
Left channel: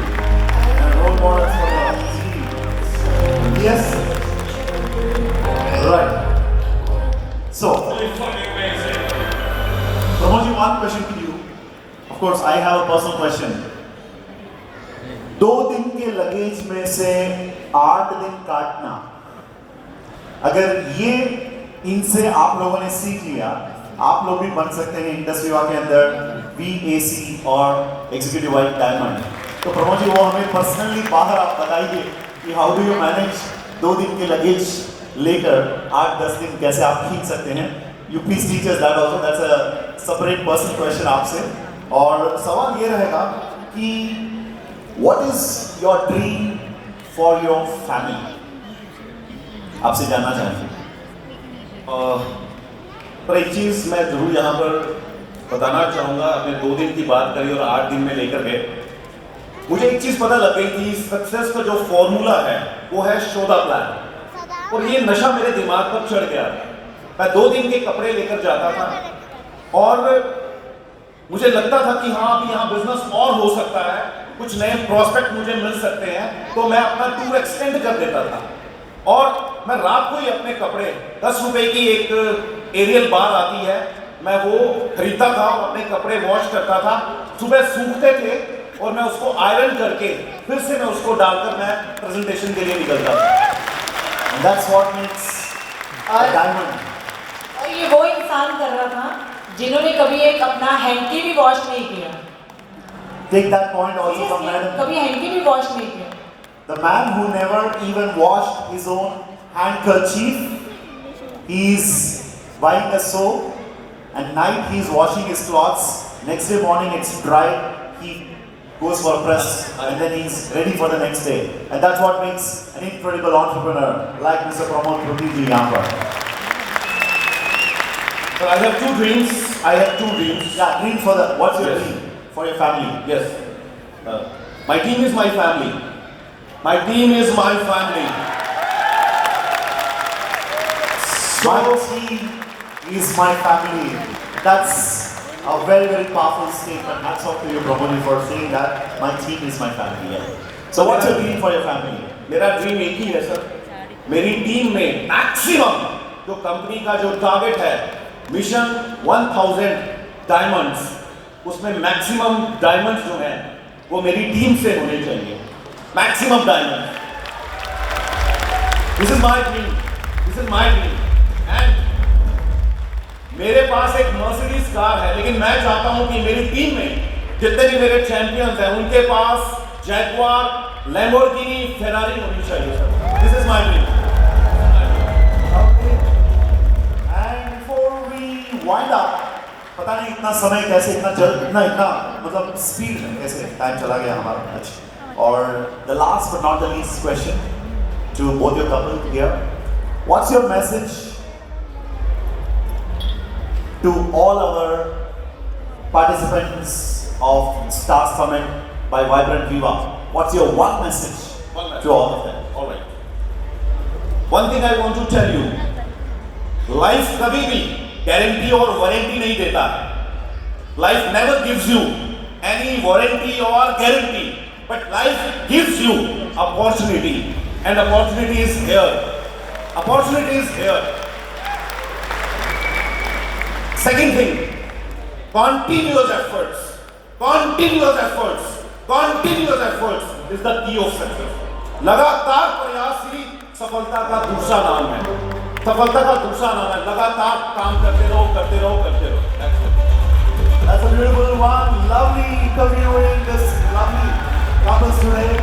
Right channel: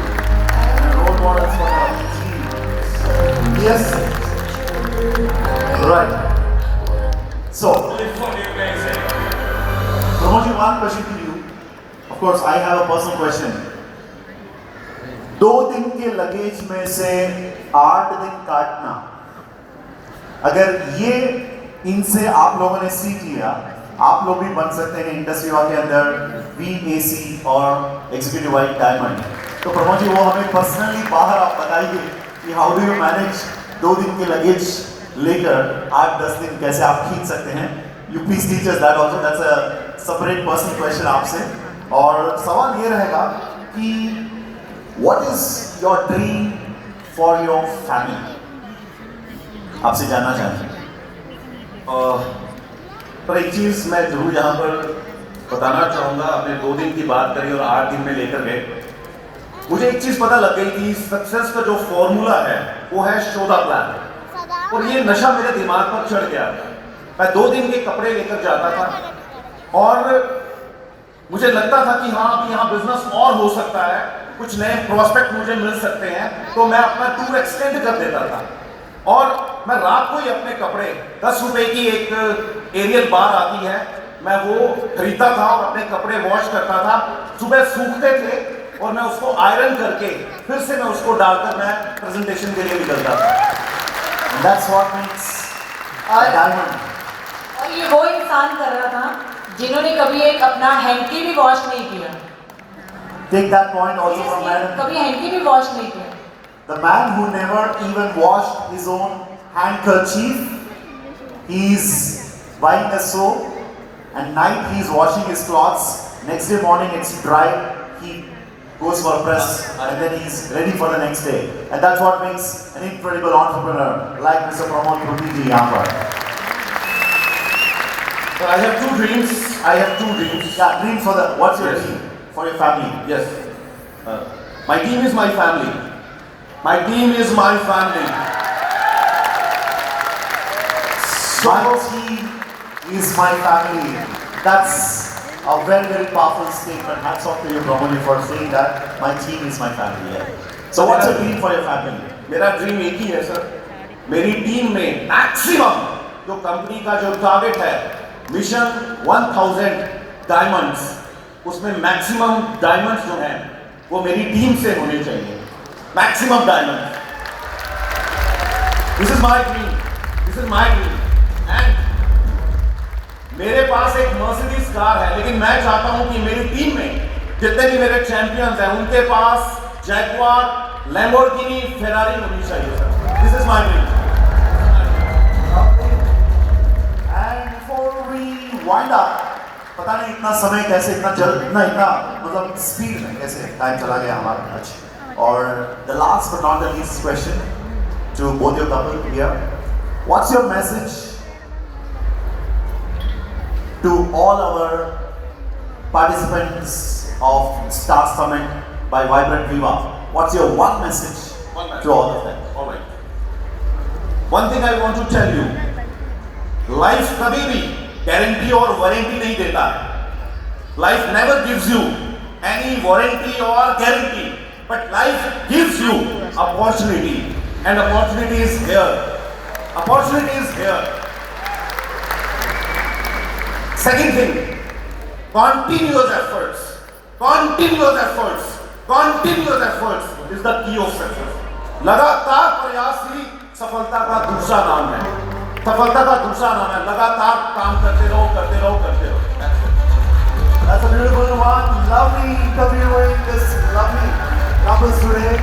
and role models for the team. Yes? Right. So, Pramod, one question to you. Of course, I have a personal question. 2 दिन के luggage में से 8 दिन काटना, अगर ये इनसे आप लोगों ने सीख लिया, आप लोग भी बन सकते हैं इंडस्ट्री के अंदर VAC और एग्जीक्यूटिव वाइट डायमंड। तो प्रमोद जी, वो हमें पर्सनली बाहर आप बताइए कि हाउ डू यू मैनेज 2 दिन के लगेज लेकर 8-10 दिन कैसे आप खींच सकते हैं। You please teach us that also, that's a separate personal question आपसे। और सवाल ये रहेगा कि what is your dream for your family, आपसे जानना चाहते हैं। पर एक चीज़ मैं जरूर यहाँ पर बताना चाहूँगा, आपने 2 दिन की बात करी और 8 दिन में लेकर गए, मुझे एक चीज़ पता लग गई कि सक्सेस का जो फॉर्मूला है वो है शो द प्लान, और ये नशा मेरे दिमाग पर चढ़ गया। मैं 2 दिन के कपड़े लेकर जाता था और मुझे लगता था कि हाँ, अभी यहाँ बिजनेस और हो सकता है, कुछ नए प्रोस्पेक्ट मुझे मिल सकते हैं, तो मैं अपना टूर एक्सटेंड कर देता था। और मैं रात को ही अपने कपड़े 10 रुपए की एक एरियल बार आती है, मैं वो खरीदता था और अपने कपड़े वॉश करता था, सुबह सूखते थे और मैं उसको आयरन करके फिर से मैं उसको डालकर मैं प्रेजेंटेशन के लिए निकलता था। That's what makes a diamond. और ये वो इंसान कर रहा था जिन्होंने कभी एक अपना हैंकी भी वॉश नहीं किया। Take that point also from Madam. कभी हैंकी भी वॉश नहीं किया। The man who never even washed his own handkerchief, he's buying a soap and night he's washing his clothes. Next day morning it's dry, he goes for a press and then he's ready for the next day. And that's what makes an incredible entrepreneur like Mr. Pramod Prabhu यहाँ पर. So I have 2 dreams. Yeah, dream for the, what's your Yes. dream for your family? Yes. My team is my family. My team is my family. My team is my family. That's a very, very powerful statement. Hats off to you, Pramod, for saying that. My team is my family. Yeah. So what's your dream for your family? मेरा dream एक ही है sir, मेरी team में maximum जो company का जो target है, mission 1000 diamonds, उसमें मैक्सिमम डायमंड्स जो हैं वो मेरी टीम से होने चाहिए, maximum diamond. This is my dream, this is my dream. And मेरे पास एक मर्सिडीज कार है, लेकिन मैं चाहता हूं कि मेरी टीम में जितने भी मेरे चैंपियंस हैं उनके पास जैगुआर, लैम्बोर्गिनी, फेरारी होनी चाहिए sir. This is my dream. And before we wind up, पता नहीं इतना समय कैसे इतना जल्द इतना मतलब स्पीड में कैसे टाइम चला गया हमारा आज। और the last but not the least question to both your couple here, what's your message to all our participants of Stars Summit by Vibrant Viva? What's your one message to all of them? All right. One thing I want to tell you, life कभी भी guarantee और warranty नहीं देता है। Life never gives you any warranty और guarantee, but life gives you opportunity, and opportunity is here, opportunity is here. Second thing, continuous efforts, continuous efforts, continuous efforts is the key of success. लगातार प्रयास ही सफलता का दूसरा नाम है। सफलता का दूसरा नाम है लगातार काम करते रहो, करते रहो, करते रहो। That's a beautiful one. Lovely interviewing this lovely couples today.